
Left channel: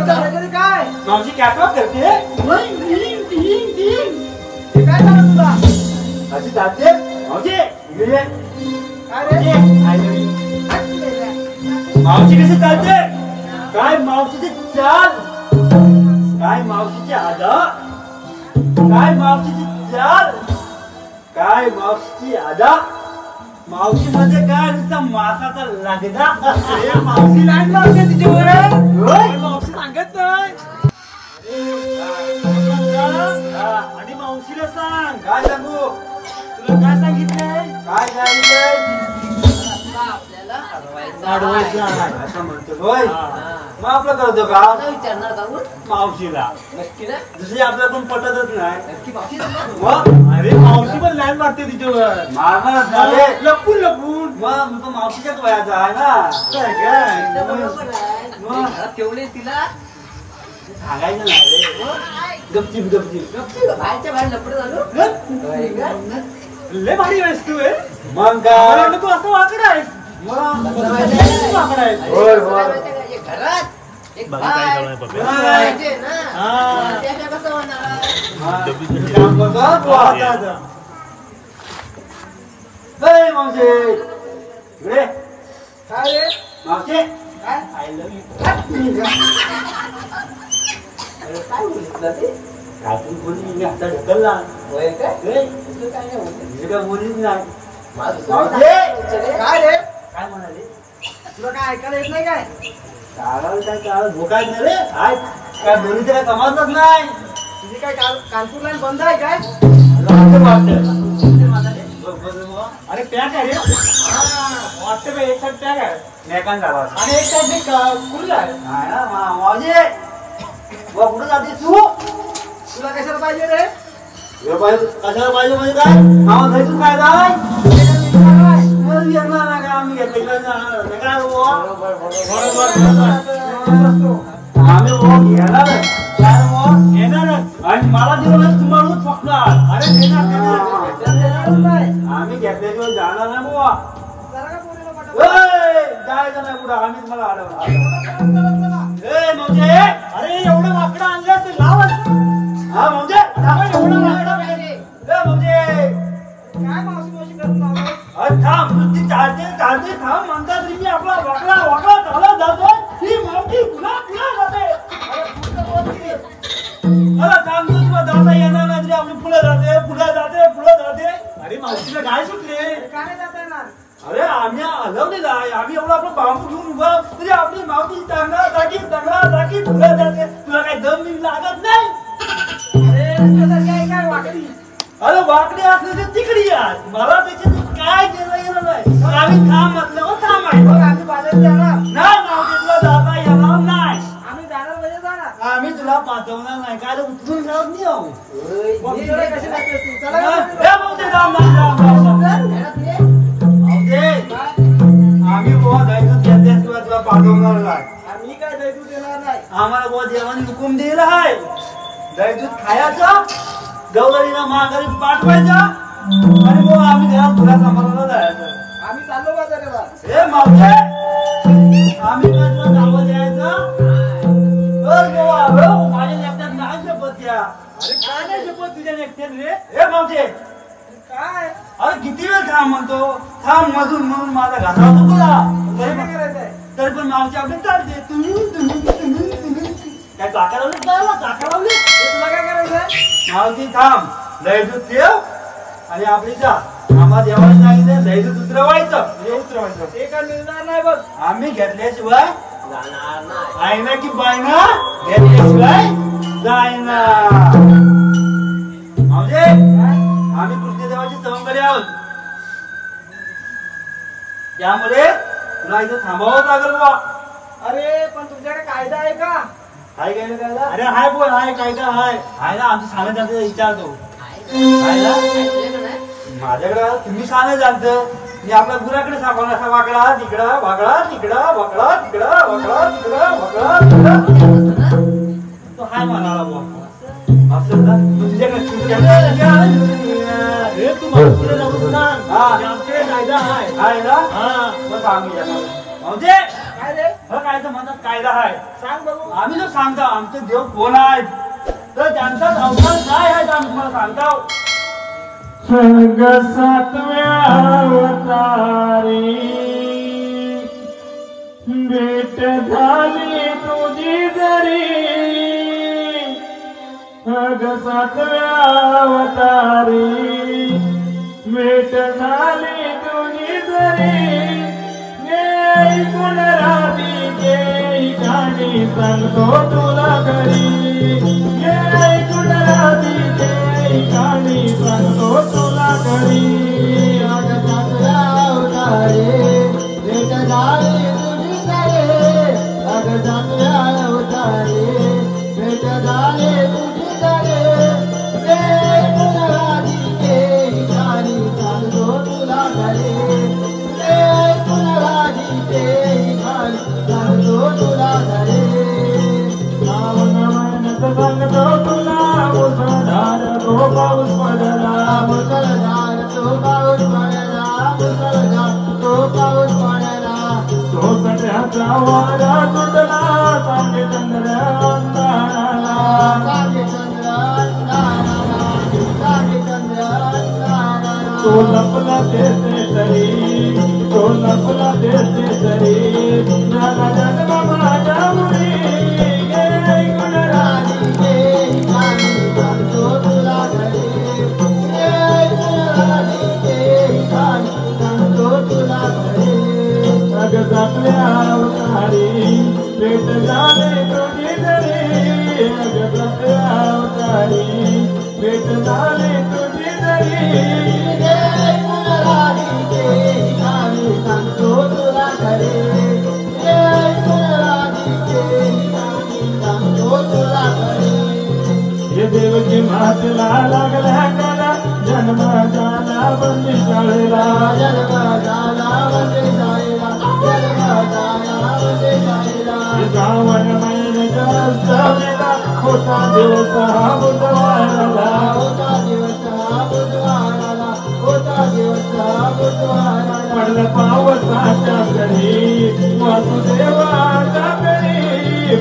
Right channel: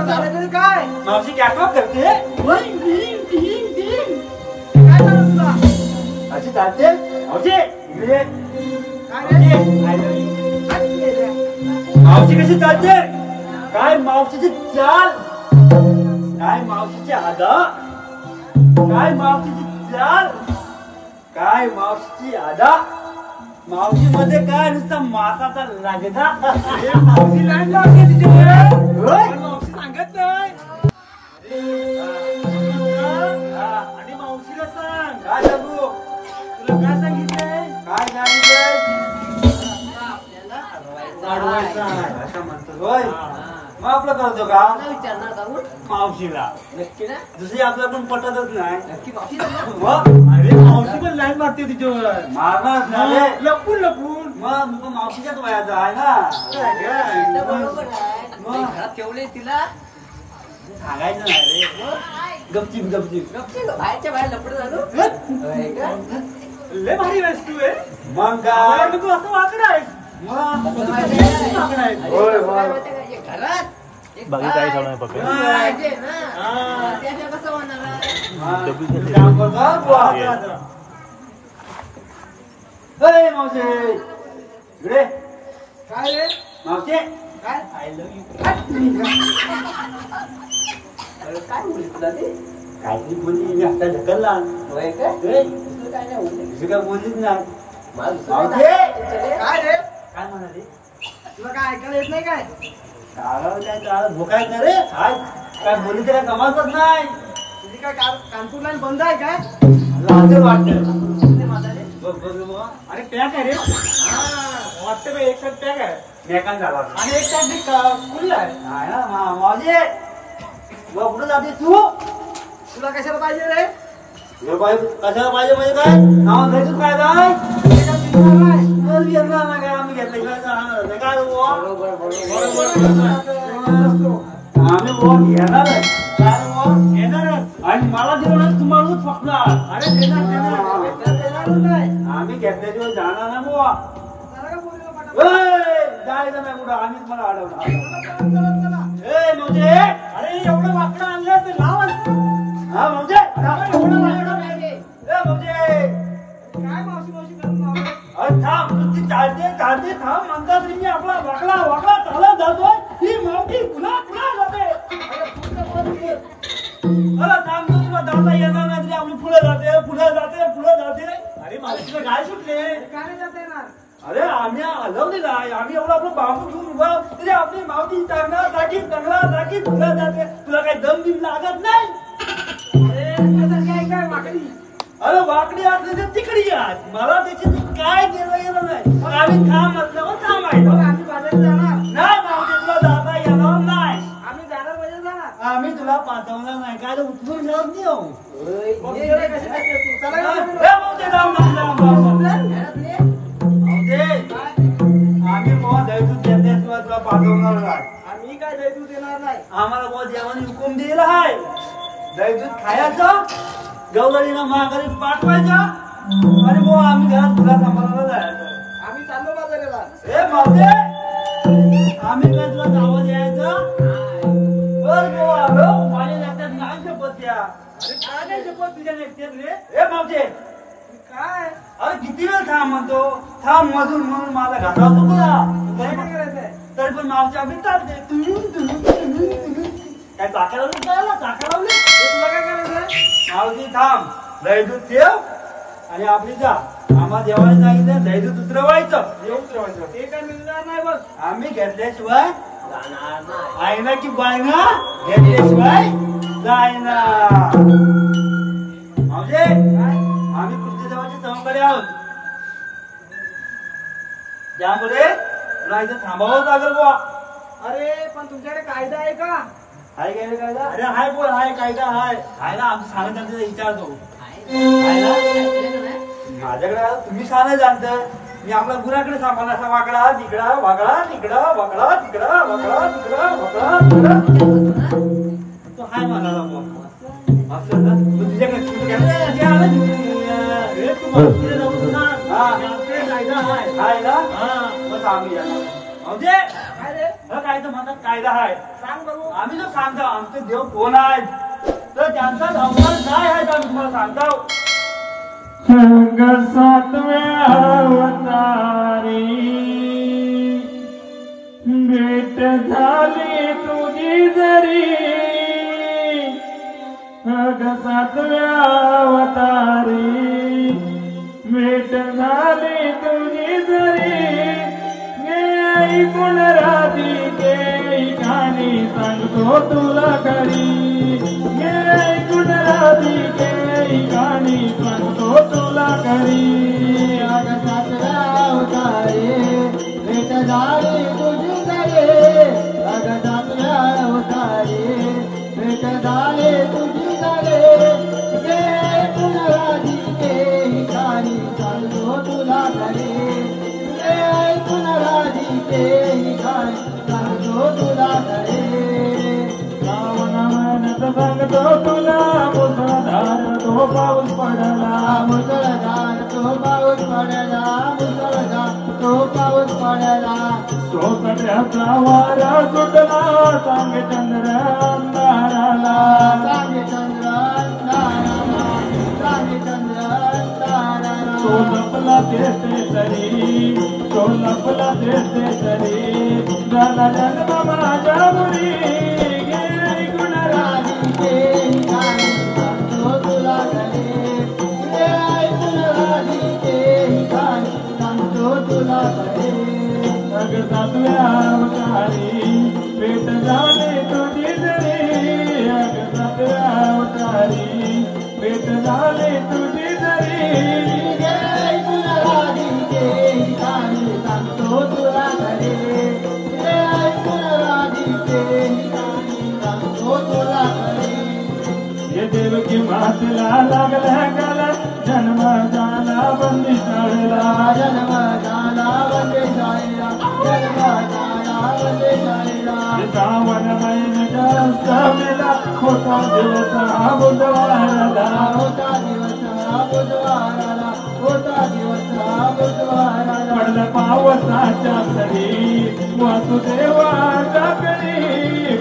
मावशी क्या काम करते? काय झालं तुला? अशी जाते मावशी इकडे मावशी कशी चालते? काय मावशीची चाल, काय मावशीची आदा, काय मावशीची चाल, काय मावशीची आदा, मावशी मध्ये काय नुसता मासाचा लागदा. मावशी लागला तिच्यावर मावशी सांगत नाही. आणि मावशीला सांग काय सांगू, तुला काय सांगितलंय, काय सांगितलंय असं म्हणतो. मग आपलं करतो का विचारणार जाऊन मावशीला, नक्की ना दुसरी आपल्याकडून पटतच नाही. नक्की बाकी अरे मावशी पण लाईन मारते तिच्यावर, मारणार लपून लपून. मग मावशीच्याच वयाचा आहे ना. घरात ठेवले तिला सांगायचं नाही रे, गपचीप गपचीप बाहेरच्या बाहेर लपड झालो. लय भारी वस्तू आहे. मग काय तू असं वागत आहेस, घरात एक पाहिजे ना, त्याने कसं होणार. मावशी इकडे काय रे मावशी काय आय लव्ह यू काय बोलत ते काहीतरी बोलली आता ढकलला काय बोललीच नाही. काय रे काय म्हणाली, तुला काय ऐकायला येत नाही काय? काय काळ भोकाय नाही रे, काय बोलून काय समजतच नाही. तुझी काय कानपूर लाईन बंद आहे काय? अरे पॅक आहे रे, वाटतं का एक साईड पॅक आहे पॅकान झाला आणि एक साईड खुली आहे. मावशी पुढे जाते तू, तुला कशाला पाहिजे रे? कशाला पाहिजे म्हणजे काय नाव घेतून काय काय घेणार नाही काय आम्ही घेतलं काय आम्ही घेणार येणारच आणि मला दिलं तुम्हाला फकणार. अरे देणारच नाही, आम्ही घेतल्याशिवाय जाणार नाही बुवा. जायचं नाही कुठं, आम्हीच मला अडवणार. म्हणजे अरे एवढं माकडं आणलं ते लाव. हा म्हणजे काय मावशी मावशी करून थांब चालते थांब म्हणतात मी आपला वाकडा वाकडा चालत जातो. ही मावशी पुन्हा पुन्हा जाते. मला थांबतो तुला जाता येणार नाही, आपली पुढे जाते. अरे मावशीला काय सुटले, काय जाता येणार? अरे आम्ही आलो नाही, आम्ही एवढं आपलं बाबू घेऊन उभा म्हणजे आपली मावशी चांगला जागी ती लागत नाही. अरे तुझ्यासारखी आहे काय वाकडी? अरे वाकडी असली तर तिकडी या. मला त्याच्यात काय येणार नाही. मग आम्ही थांब म्हटलं मग थांब आहे. मग आम्ही बाजारात जाणार. ना मागितलं जाता येणार नाही. आम्ही जाणार म्हणजे जाणार. आम्ही तुला पाठवणार नाही. काय रे, उचलून जात नाही आहो. मग तुला कशी लागते तू? चला ए, येऊ. भाऊ ते जाऊ, जाऊ, जाऊ, जाऊ. भाऊ ते, काय? आम्ही बुवा दैवत घेतल्याशिवाय तुला पाठवणार नाही. आम्ही काय दैवत देणार नाही. आम्हाला बुवा जेवण हुकूम दिला आहे. दैवत खायचं, गवारीला माघारी पाठवायचं आणि बुवा आम्ही घरात तुला सांभाळायला जायचं. आम्ही चाललो बाजाराला. ए मावते, आम्ही काय तुला नावं द्यायचं? बर बुवा, हो, माझ्या लेकरात नाही शपथ या. अरे काय नाही शपथ तुझ्या नेकट्यात रे? ए मावते, काय? अरे किती वेळ थांब म्हणतो. थांब मधून म्हणून मला घातला होता तुला. काय करायचंय? तरी पण मावशी आपली चालते. काय चाका लावली तुला? चाका लावली? तुला काय करायचंय? मावशी थांब, दैवत ठेव आणि आपली जा. आम्हाला जेवायला सांगितलं, दैवत उतरवायचं. हे उतरवायचं. ते काय मिळणार नाही बघ. आम्ही घेतल्याशिवाय आहे ना की बायना घेतल्याशिवाय जायना. म्हणजे आम्ही कृष्णदेवाची सवंगडी आहोत. त्यामुळे तुला इथं थांबावं लागेल बुवा. अरे पण तुमच्याकडे कायदा आहे का? हाय काय कायदा? अरे हाय बुवा, हाय काय का हाय. हाय ना, आमचं साधं जातं विचारतो. हाय ना? माझ्याकडे तुम्ही साधं जाणतं. मी आपल्या गुराकडे सांगणार असा वाकडा तिकडं, वाकडा तिकडं, वाकडा तिकडं, वाकडा तिकडं, वाकडा तिकडं. तो हाय म्हणाला बुवा. असं ना, तुझ्याकडे हे तुम्हाला पुढे जाऊन सांग. हा. आमचे कायदा आहे. हाय ना? हा. मग आम्ही म्हणजे काय रे? काय तर म्हणतात कायदा आहे. सांग बघू. आम्ही जो सांगतो आमचे देव कोण आहेत तर त्यांचा संस्कार काय आहे ते आम्ही तुम्हाला सांगतो. संग सातव्या अवतारी भेट झाली तुझी जरी. अग सातव्या अवतारी भेट झाली तुझी जरी. ऐकून राधिके गाणी सांगतो तुला घरी. ऐकून राधिके गाणी सांगतो तुला घरी. अग सातव्या अवतारी भेट झाली तुझी जरी. अग सातव्या अवतारी भेट झाली तुझी जरी. ऐकून राधिके गाणी सांगतो तुला घरी. सांगतो तुला मुसळधार तो पाऊस पडला. मुसळधार तो पाऊस पडला. मुसळधार तो पाऊस पडला. सोपट्याचा वारा सुटला. सांगे चंद्र अंधाराला. सांगे चंद्र अंधाराला. सांगे चंद्र अंधाराला. तो लपला देते तरी. तो लपला देते तरी. जरा जन्म माझ्या मुली. अग सातव्या अवतारी भेट झाली तुझी जरी. अग सातव्या अवतारी भेट झाली तुझी जरी. सांगतो तुला घरी. सांगतो तुला घरी. हे देवकी मातीला लागल्या कला. जन्म झाला बंदी शाळेला. जन्म झाला बंदी शाळेला. जन्म झाला बंदी शाळेला. श्रावण महिन्याच्या उत्सवीला होता दिवस बुधवाराला. होता दिवस बुधवाराला. होता दिवस बुधवाराला. पडलं पावसाच्या सरी वासुदेवाच्या घरी.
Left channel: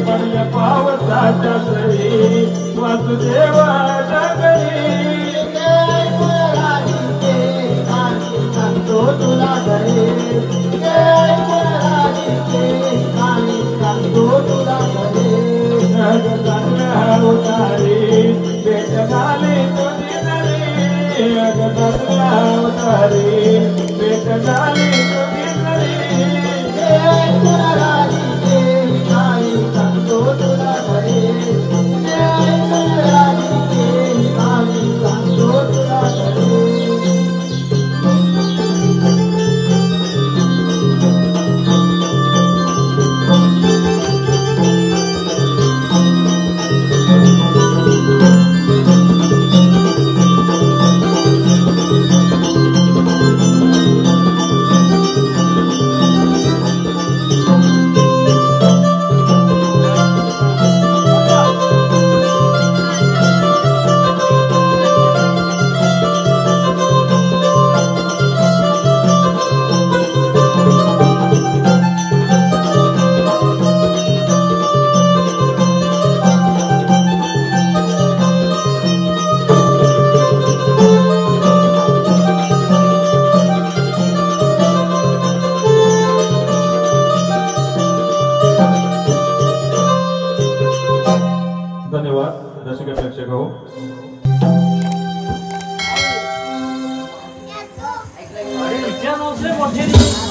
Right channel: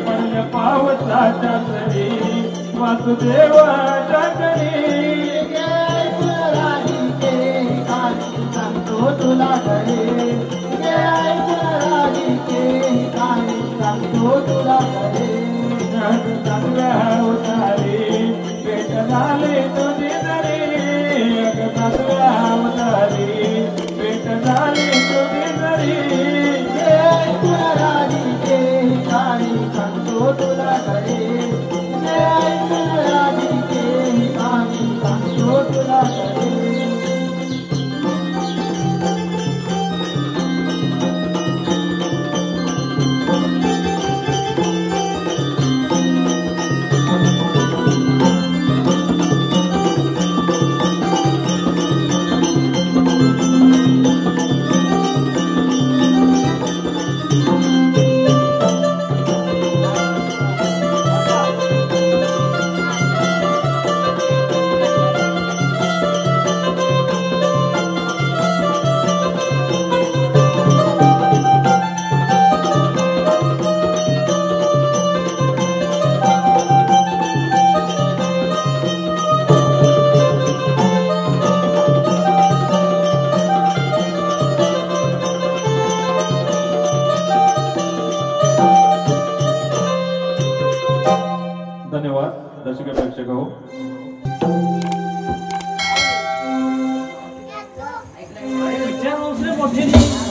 पडलं पावसाच्या सरी वासुदेवाच्या घरी. सांगतो तुला घरी. सांगतो तुला घरी. चांगल्या अवतारी भेट झाली तुझी जरी. अग चांगल्या अवतारी भेट झाली तुझी जरी. सांगतो तुला घरी.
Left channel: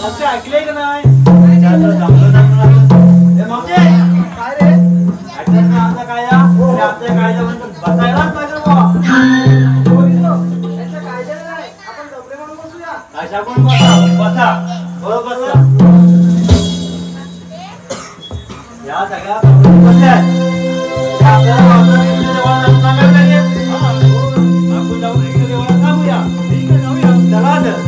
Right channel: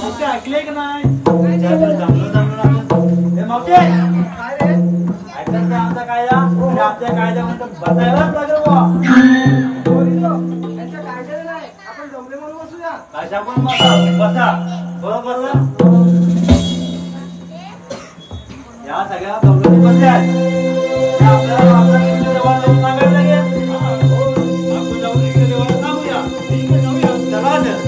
मावशी ऐकले का नाही? विचारलं चांगलं चांगलं. ए मावशी काय रे ऐकलं का आमचा कायदा? आणि आमच्या कायद्यामध्ये बसायलाच पाहिजे बुवा. बघितलं त्यांच्या कायद्याला नाही आपण डबडे म्हणून बसूया. कायदा पण बसा बरोबर बसा. या सगळ्या प्रवृत्ती बसल्या आहेत. आपल्याला वापरायला देवाला सांगायला लागेल. आपण जाऊन इकडे देवाला सांगूया. ठीक आहे जाऊया. चला तर.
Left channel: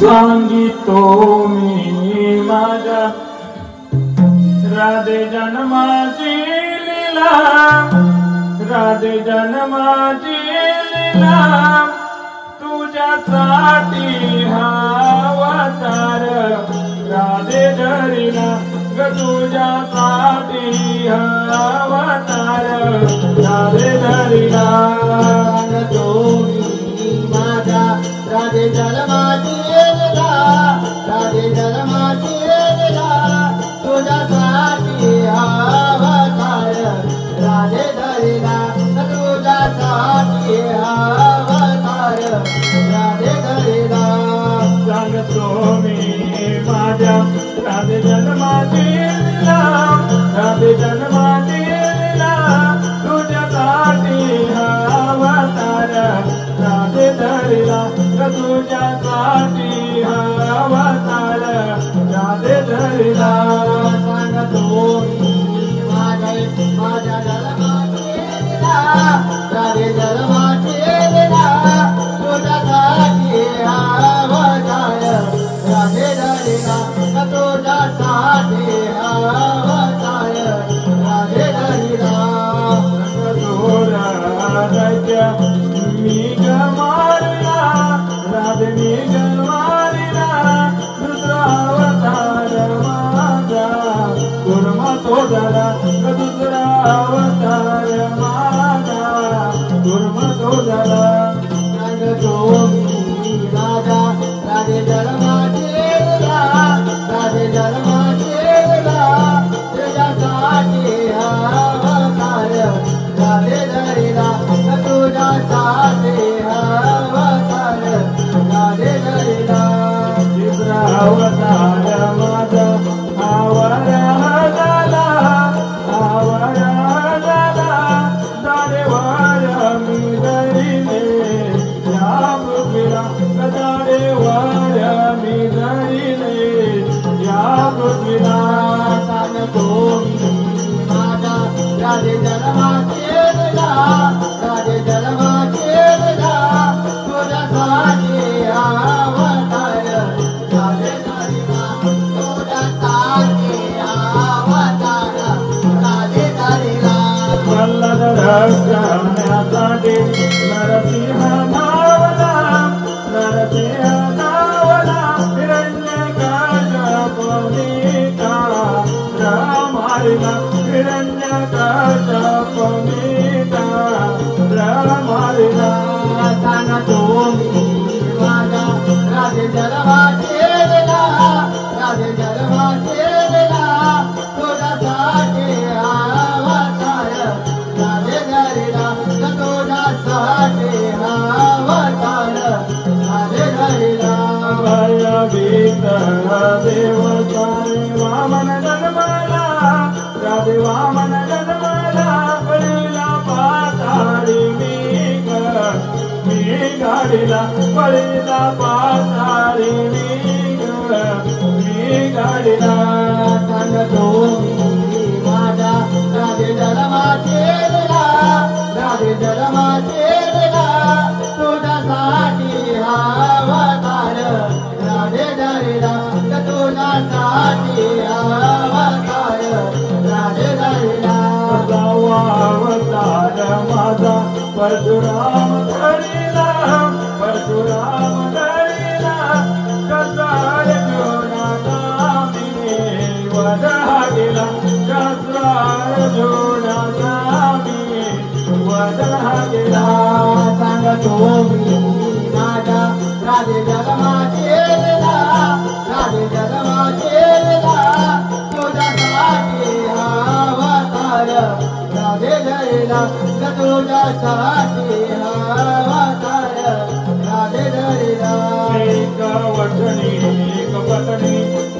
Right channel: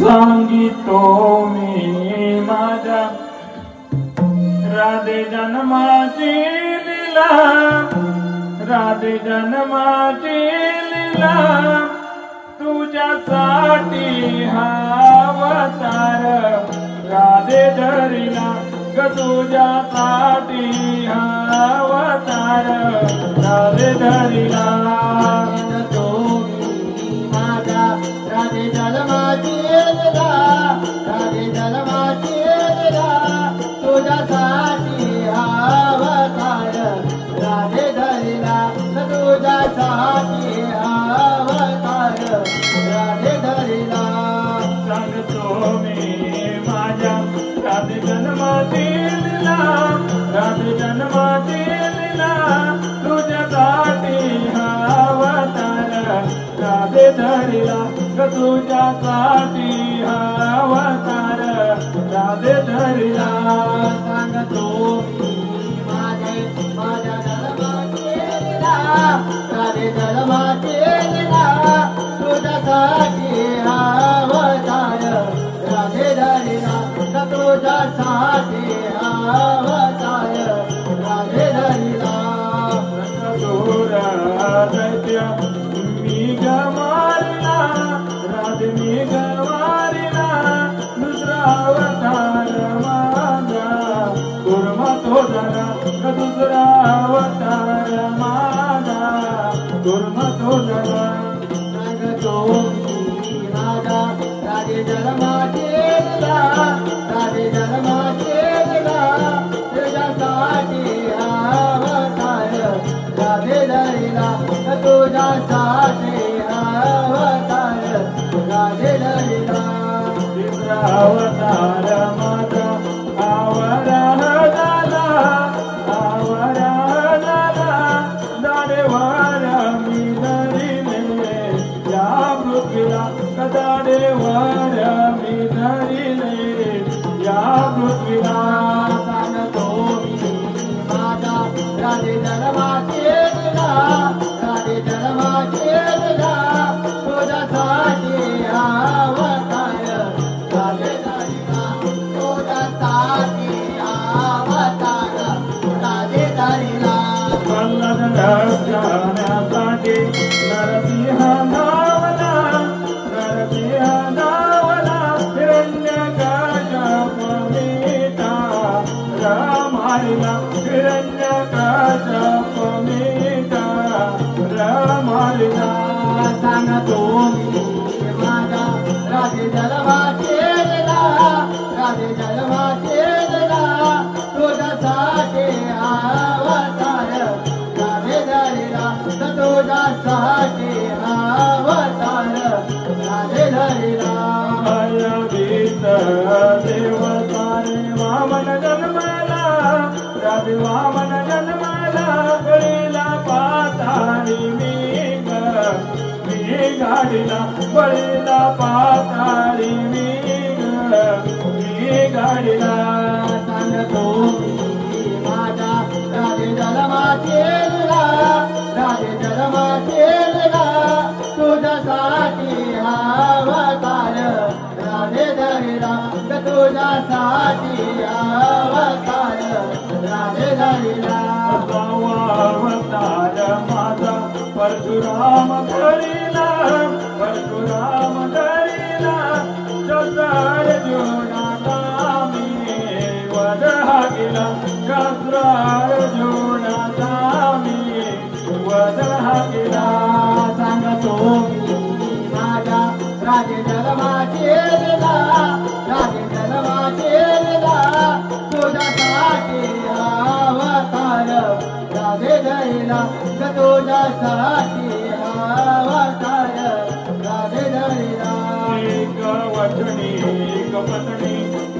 सांगितो मी माझ्या राधे जन्माची लीला, राधे जन्माची लीला, तुझ्यासाठी हा अवतार राधे धरिला ग, तुझ्यासाठी हा अवतार राधे धरिला. राधे जन्माची लीला, राधे जन्माची लीला, तुझ्यासाठी हा अवतार राधे धरिला, तुझ्यासाठी हा अवतार राधे धरिला. सांगतो मी माझ्या राधे जन्माची लीला, राधे जन्माची लीला, तुझ्यासाठी हा अवतार राधे धरिला, तुझ्यासाठी हा अवतार राधे धरिला. सांगतो मी माझ्या जन्माची लीला, राधे जन्माची लीला, तुझ्यासाठी हा अवतार राधे धरिला, तुझ्यासाठी हा अवतार राधे धरिला. मी गमारिला राधे, मी गमारिला दुसरा अवतार माझा, दुर्मा तो जरा दुसरा अवतार माझा, दुर्मा तो जरा. सांगतो मी माझ्या राधे जन्माची लीला, राधे जन्माची लीला, तुझ्यासाठी हा अवतार राधे धरिला, तुझ्यासाठी हा अवतार राधे धरिला. दुसरा अवतार माझा आवराला, आवराला दारे वाया मी वळीला पाताळी मी गाडीला सांगतो माझा राधे जन्माचेला राधे जन्माचेला तुझ्यासाठी हा अवतार राधे धरेला तुझ्यासाठी हा अवतार राधे धरेला अवतार माझा परशुराम धरीला परशुराम धरीला कसाळ जुनाचा मी वधा गेला कसाळ जुनाचा मी वधा गेला सांगतो माझ्या राधे जन्माचेला राधे जन्माचेला तुझ्यासाठी हा अवतार राधे धरेला तुझ्यासाठी हा अवतार राधे धरेला एक वचनी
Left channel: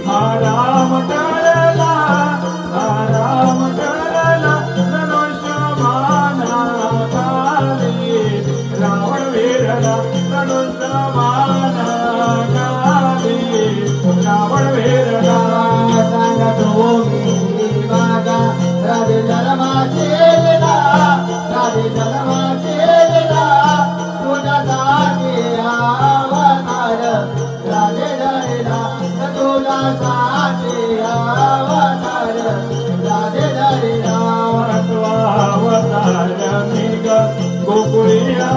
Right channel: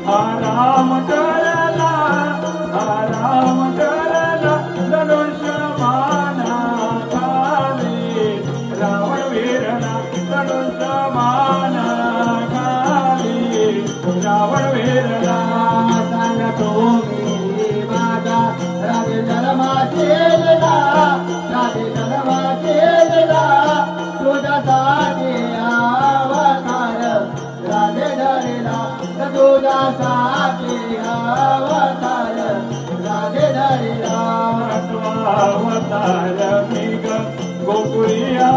हा राम करला धनुष्य माना घाली रावण वीरला धनुष्य माना घाली रावण वीरला सांगतो माझा राधे जन्माचेला राधे जन्माचेला तुझ्यासाठी हा अवतार राधे धरेला तुझ्यासाठी हा अवतार राधे धरेला अवतार मी गोकुळिया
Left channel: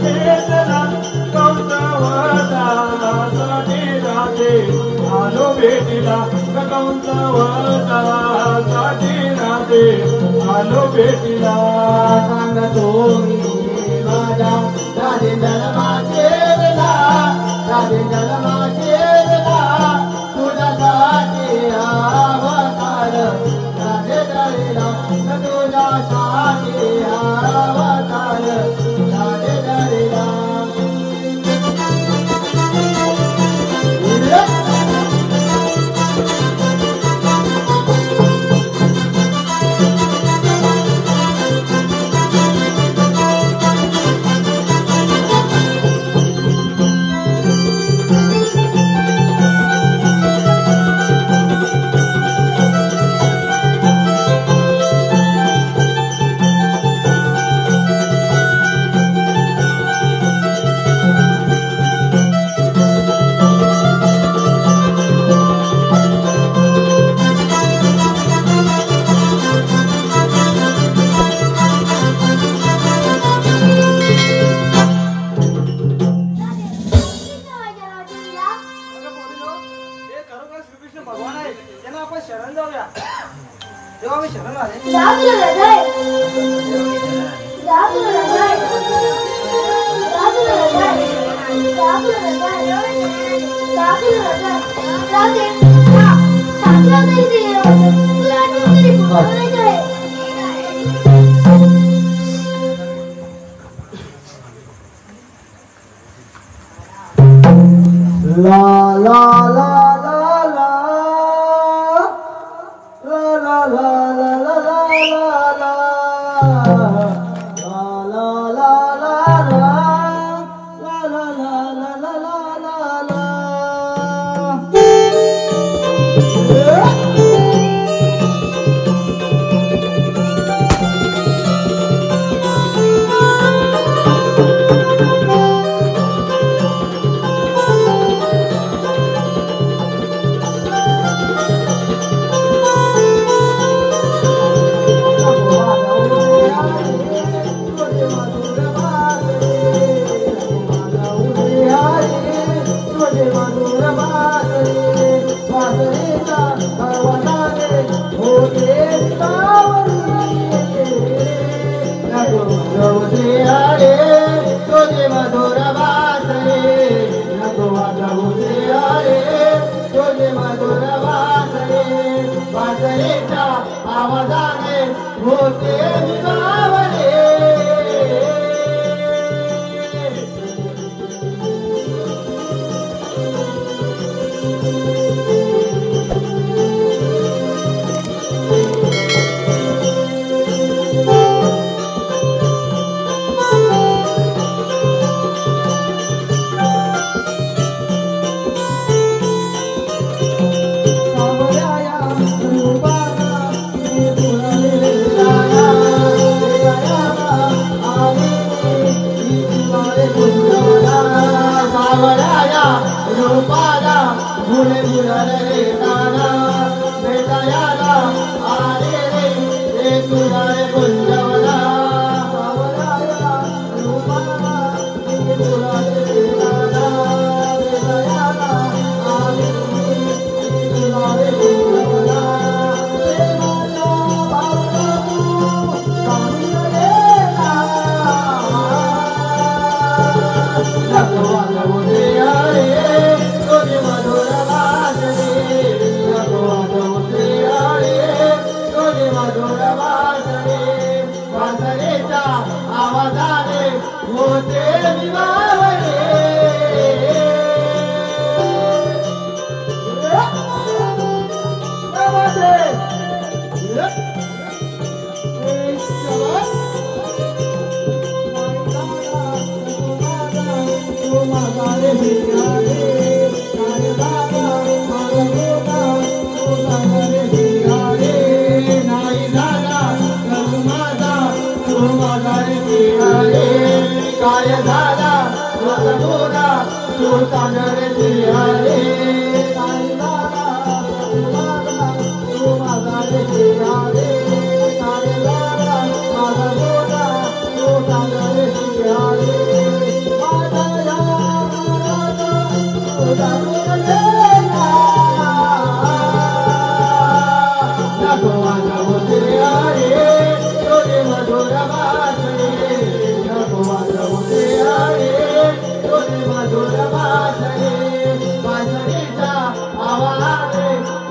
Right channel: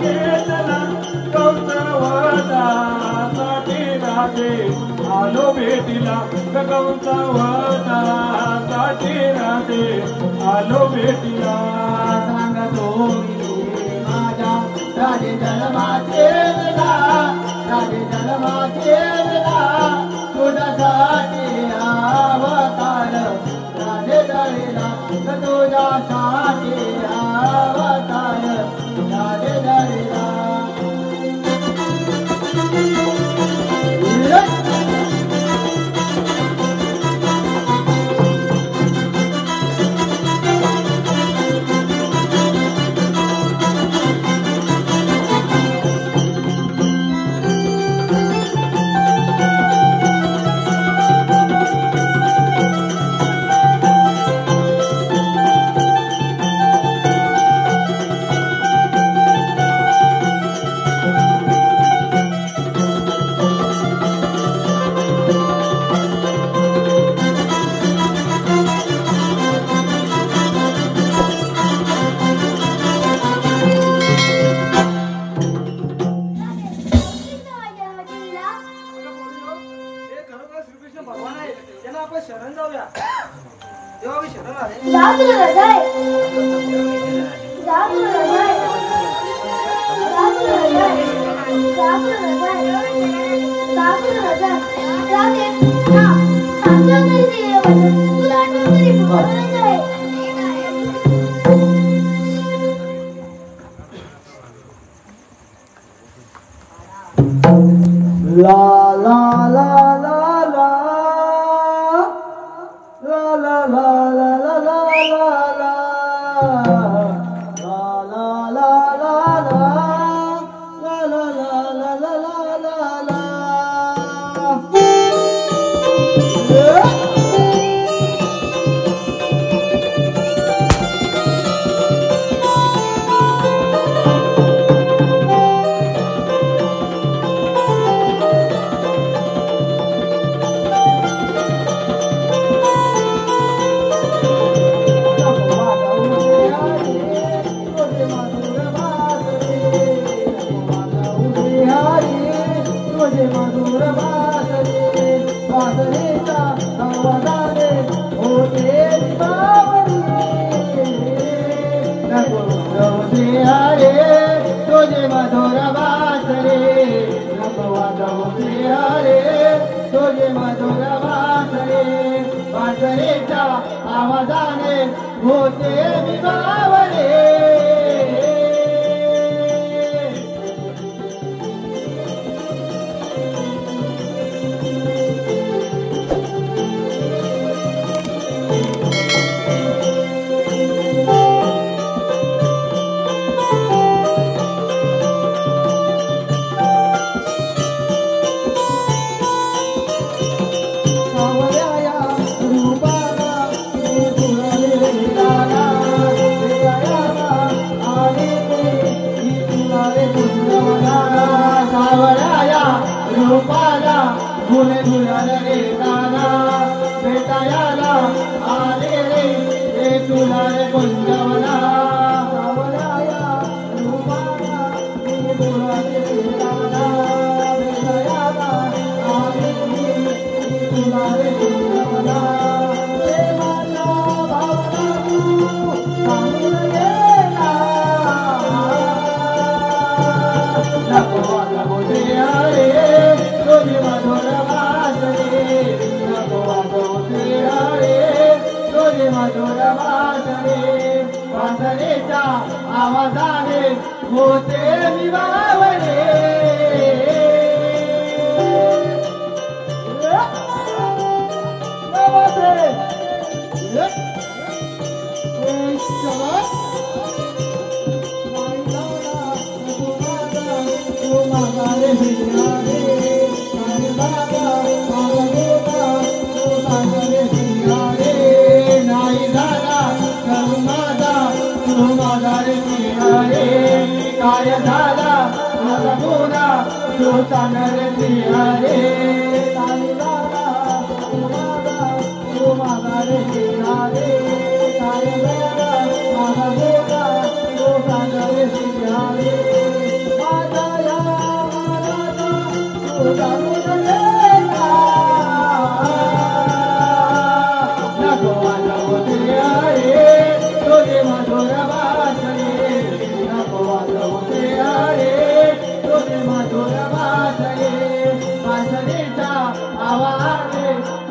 घेतला कंसावतासाठी राधे आलो भेटीला कंसावतासाठी राधे आलो भेटीला सांगतो माझ्या राधे जन्माचेला राधे जन्माचेला तुझ्यासाठी हा अवतार राधे धरेला तुझ्यासाठी हा अवतार राधे धरेला भगवान आहे त्यांना आपण शरण जाऊया तेव्हा आम्ही शरण आले जा तुला रजाय जा तुला रजाय जा तुला रजाय जा तुला रजाय जा तुला रजाय जा दे हा सांगला तरी दे तुला आठवण तरी बोलायचं आहे ला ला ला ला ला ला ला आवाजाने होते विभावले बोलाले रे दादा भेटायला आले रे हे तुला रे गुंजवला सावराया रूपाला मी बोलाले रे दादा भेटायला आले रे तुला रे गुंजवला बाबा तू सांगून रे आवाजाने होते विवावले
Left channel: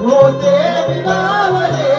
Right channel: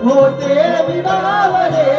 होते विवावले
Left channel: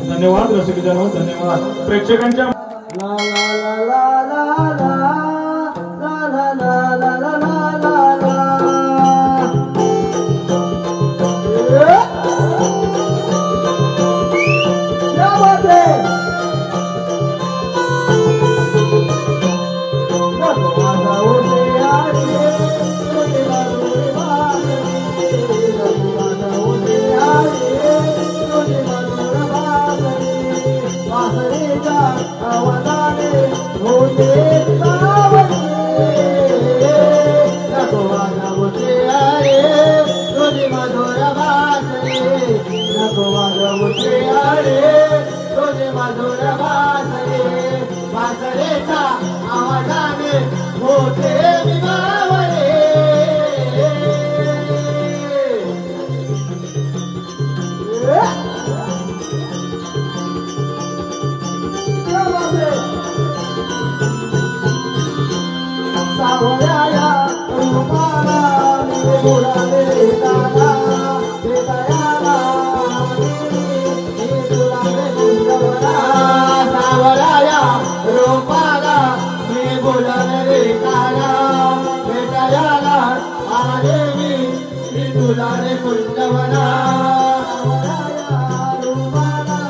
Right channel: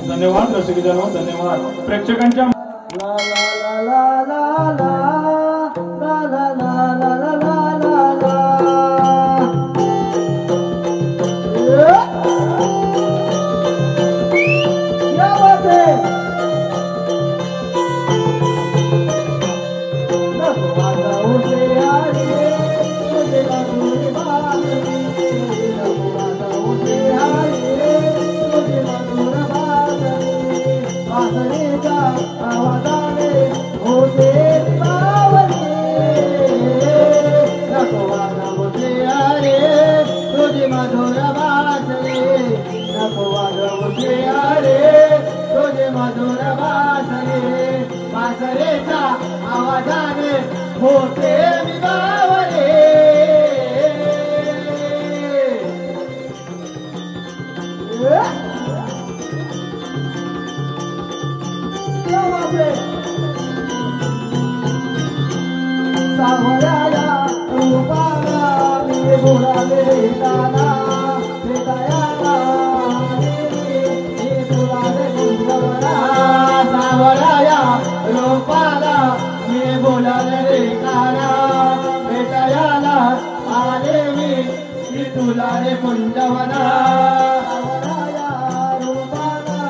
धन्यवाद रसिकजनो, धन्यवाद प्रेक्षकांच्या होते विवावले सावराया रूपाला मी बोलाले रे दादा भेटायला तुला रे गुंजवला सावराया रूपाला मी बोलाले रे दादा भेटायला आले मी तुला रे गुंजवला सावराया रूपाला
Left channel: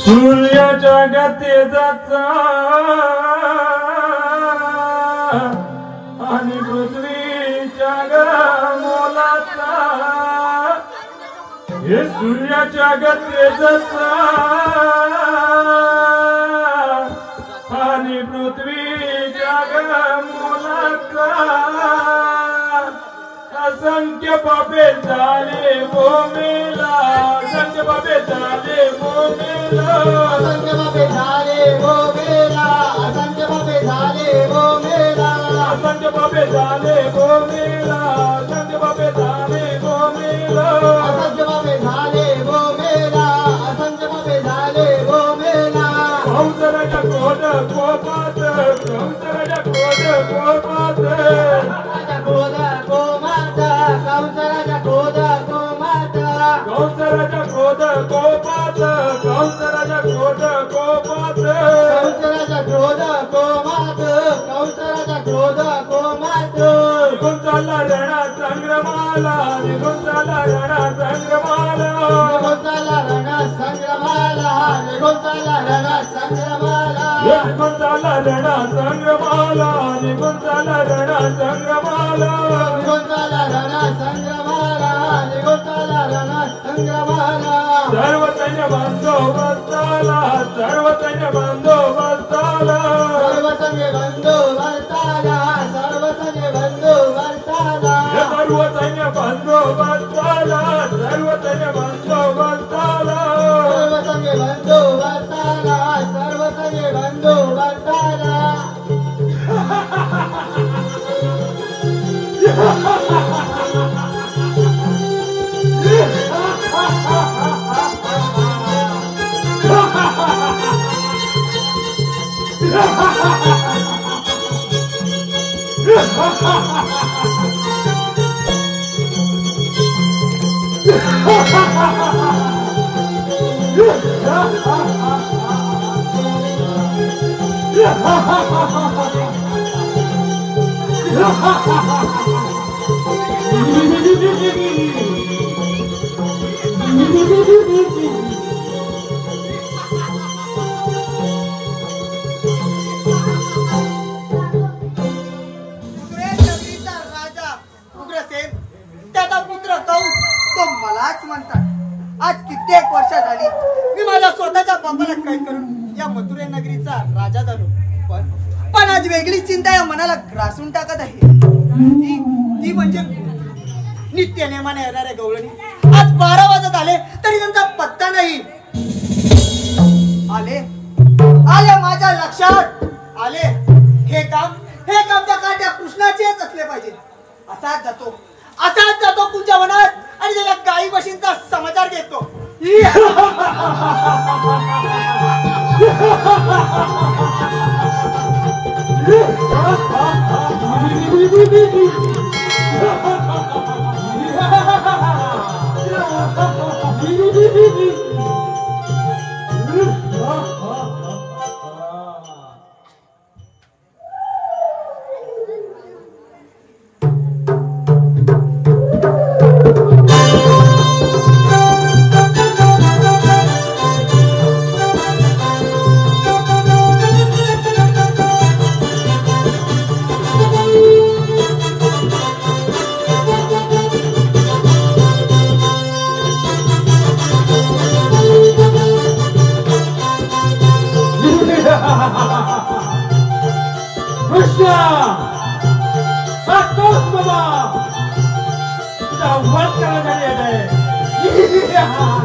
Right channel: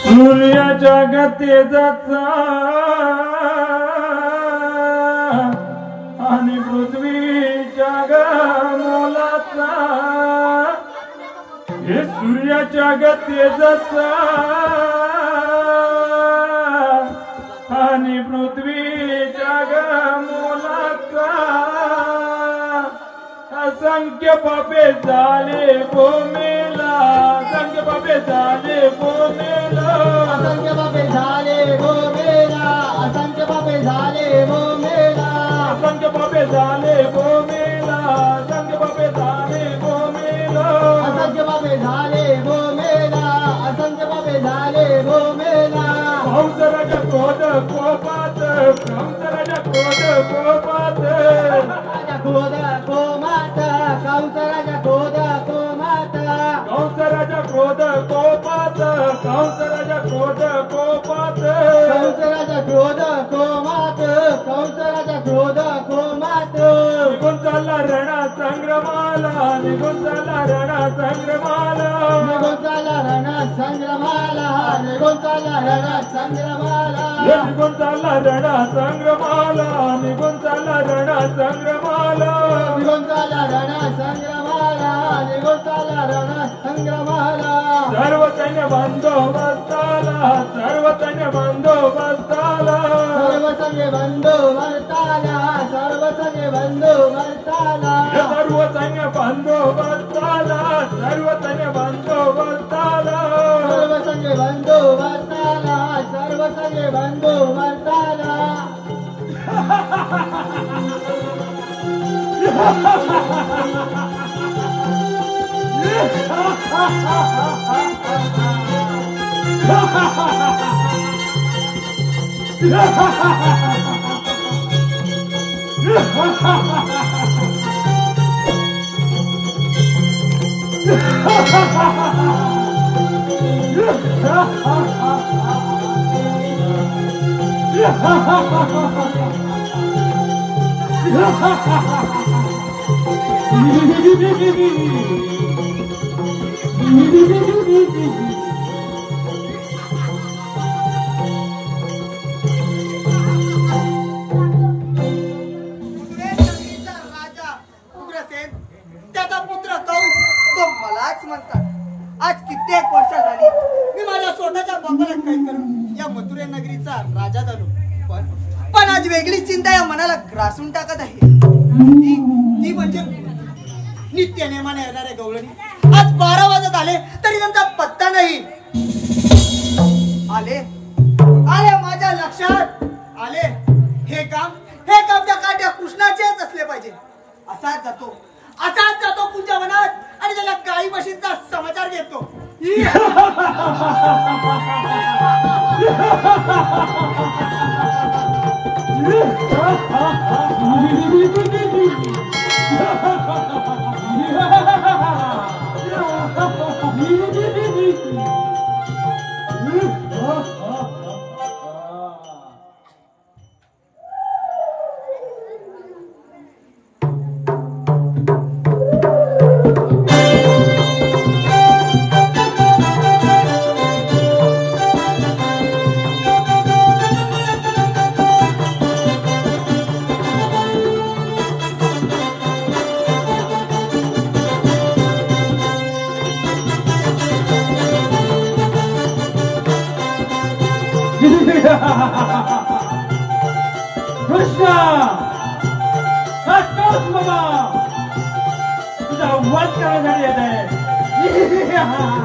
सूर्याच्या गतीचा आणि पृथ्वीच्या मुलाचा हे सूर्याच्या गतीचा आणि पृथ्वीच्या मुलाचा असंख्य पापे झाले भूमीला असंख्य पापे झाले भूमीला असंख्य पापे झाले भूमीला असंख्य पापे झाले भूमीला असंख्य पापे झाले भूमीला असंख्य पापे झाले भूमीला असंख्य पापे झाले भूमीला असंख्य पापे झाले भूमीला कंसराच्या क्रोध कोपात कंसराच्या क्रोध कोपात क्रोध कोमात कंसराच्या क्रोध कोमात कंसराच्या क्रोध कोपात कंसराच्या क्रोध कोपात कंसराच्या क्रोध कोमात कंसराच्या क्रोध कोमात निघून चालला रणा संग्रमाला निघून चालला रणा संग्रमाला निघून चालला रणा संग्रमाला निघून चालला रणा संग्रमाला निघून चालला रणा संग्रमाला निघून चालला रणा संग्रमाला निघून चालला रणा संग्रमाला निघून चालला रणा संग्रमाला सर्व सैन्य बंदोबस्ताला सर्व सैन्य बंदोबस्ताला सर्व सैन्य बंदोबस्ताला सर्व सैन्य बंदोबस्ताला सर्व सैन्य बंदोबस्ताला सर्व सैन्य बंदोबस्ताला सर्व सैन्य बंदोबस्ताला सर्व सैन्य बंदोबस्ताला त्याचा पुत्र कंस तो मलाच म्हणतात. आज कित्येक वर्ष झाली मी माझ्या स्वतःच्या बापाला कैद करून या मथुरे नगरीचा राजा झालो. पण आज वेगळी चिंता या मनाला ग्रासून टाकत आहे. ती म्हणजे नित्य नेमाने येणारे गवळणी. आज 12 वाजत आले तरी त्यांचा पत्ता नाही. आले आले माझ्या लक्षात आले. हे काम त्या काट्या कृष्णाचेच असले पाहिजे. असाच जातो कुंच्या वनात आणि त्याच्या गाई म्हशींचा समाचार घेतो. कृष्णा बाबा तुझा वध करण्यात येत मामा,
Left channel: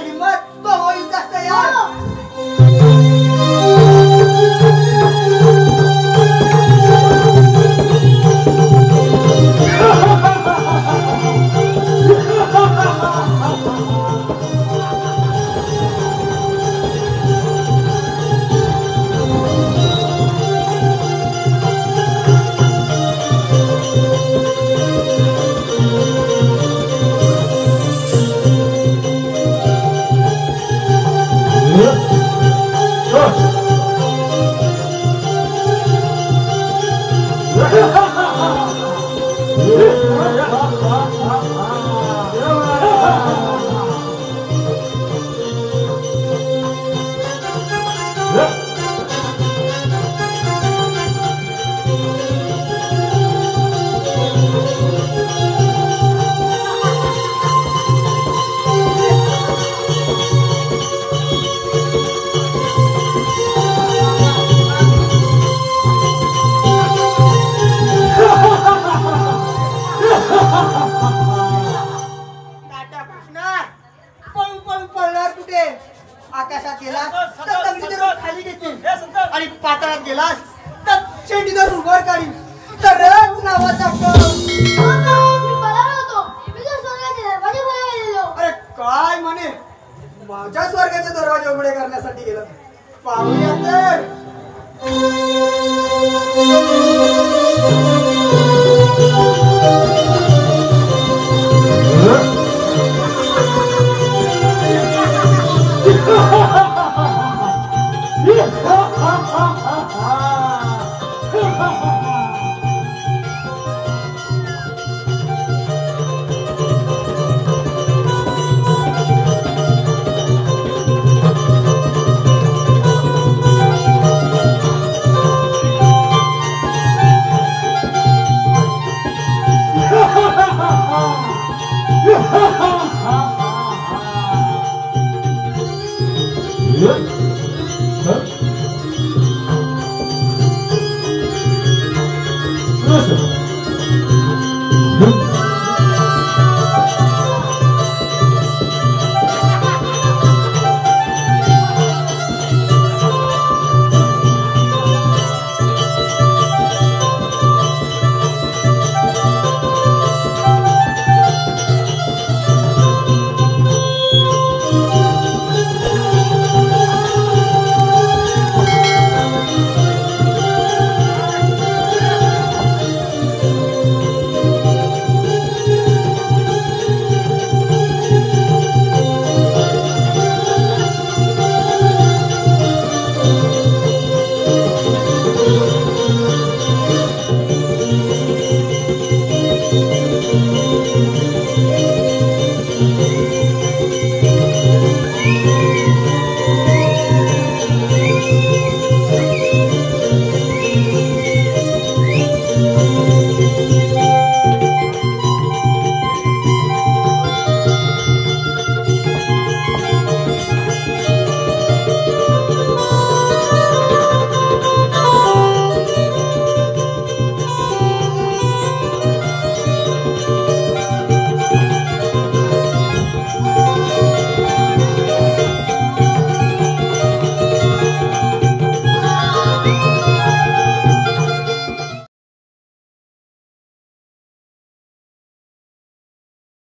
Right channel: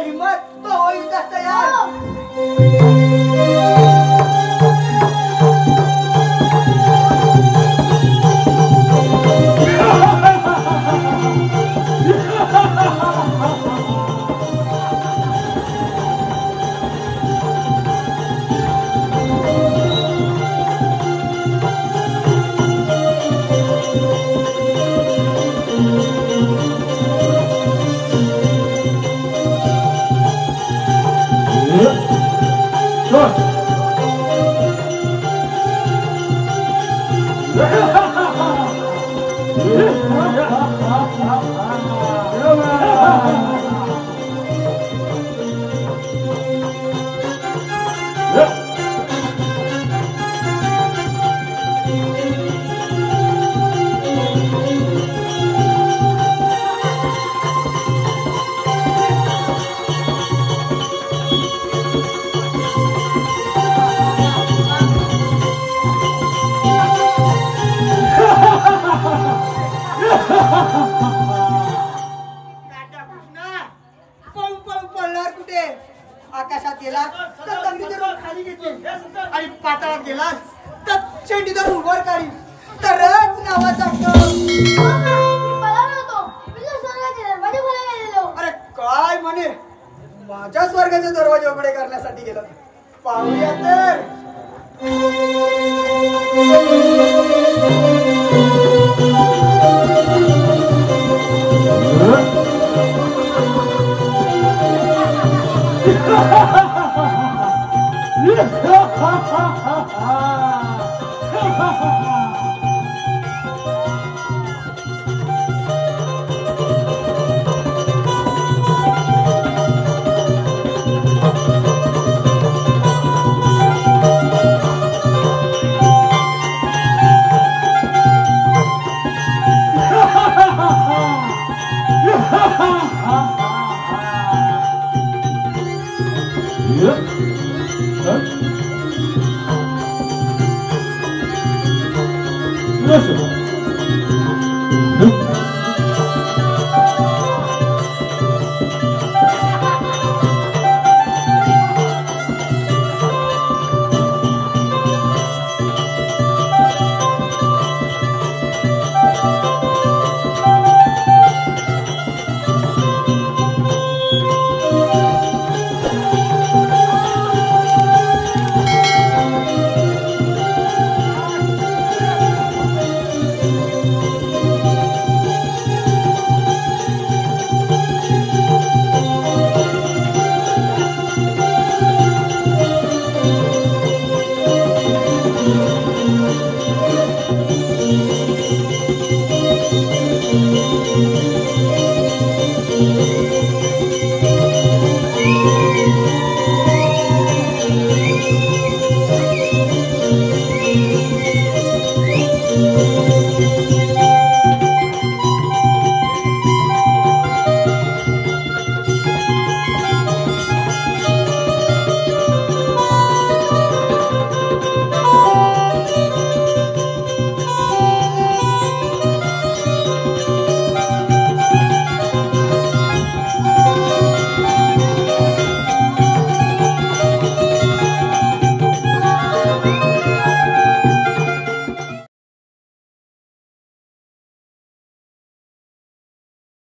असेल हिम्मत तो होईल जास्त यार. आकाशात गेलास तर तंगडी धरून खाली घेतील आणि पाताळात गेलास तर चेंडी धरून वर काढी तरच नावाचा अरे काय म्हणे माझ्या स्वर्गाचे दरवाजे उघडे करण्यासाठी गेलं पाहूया तर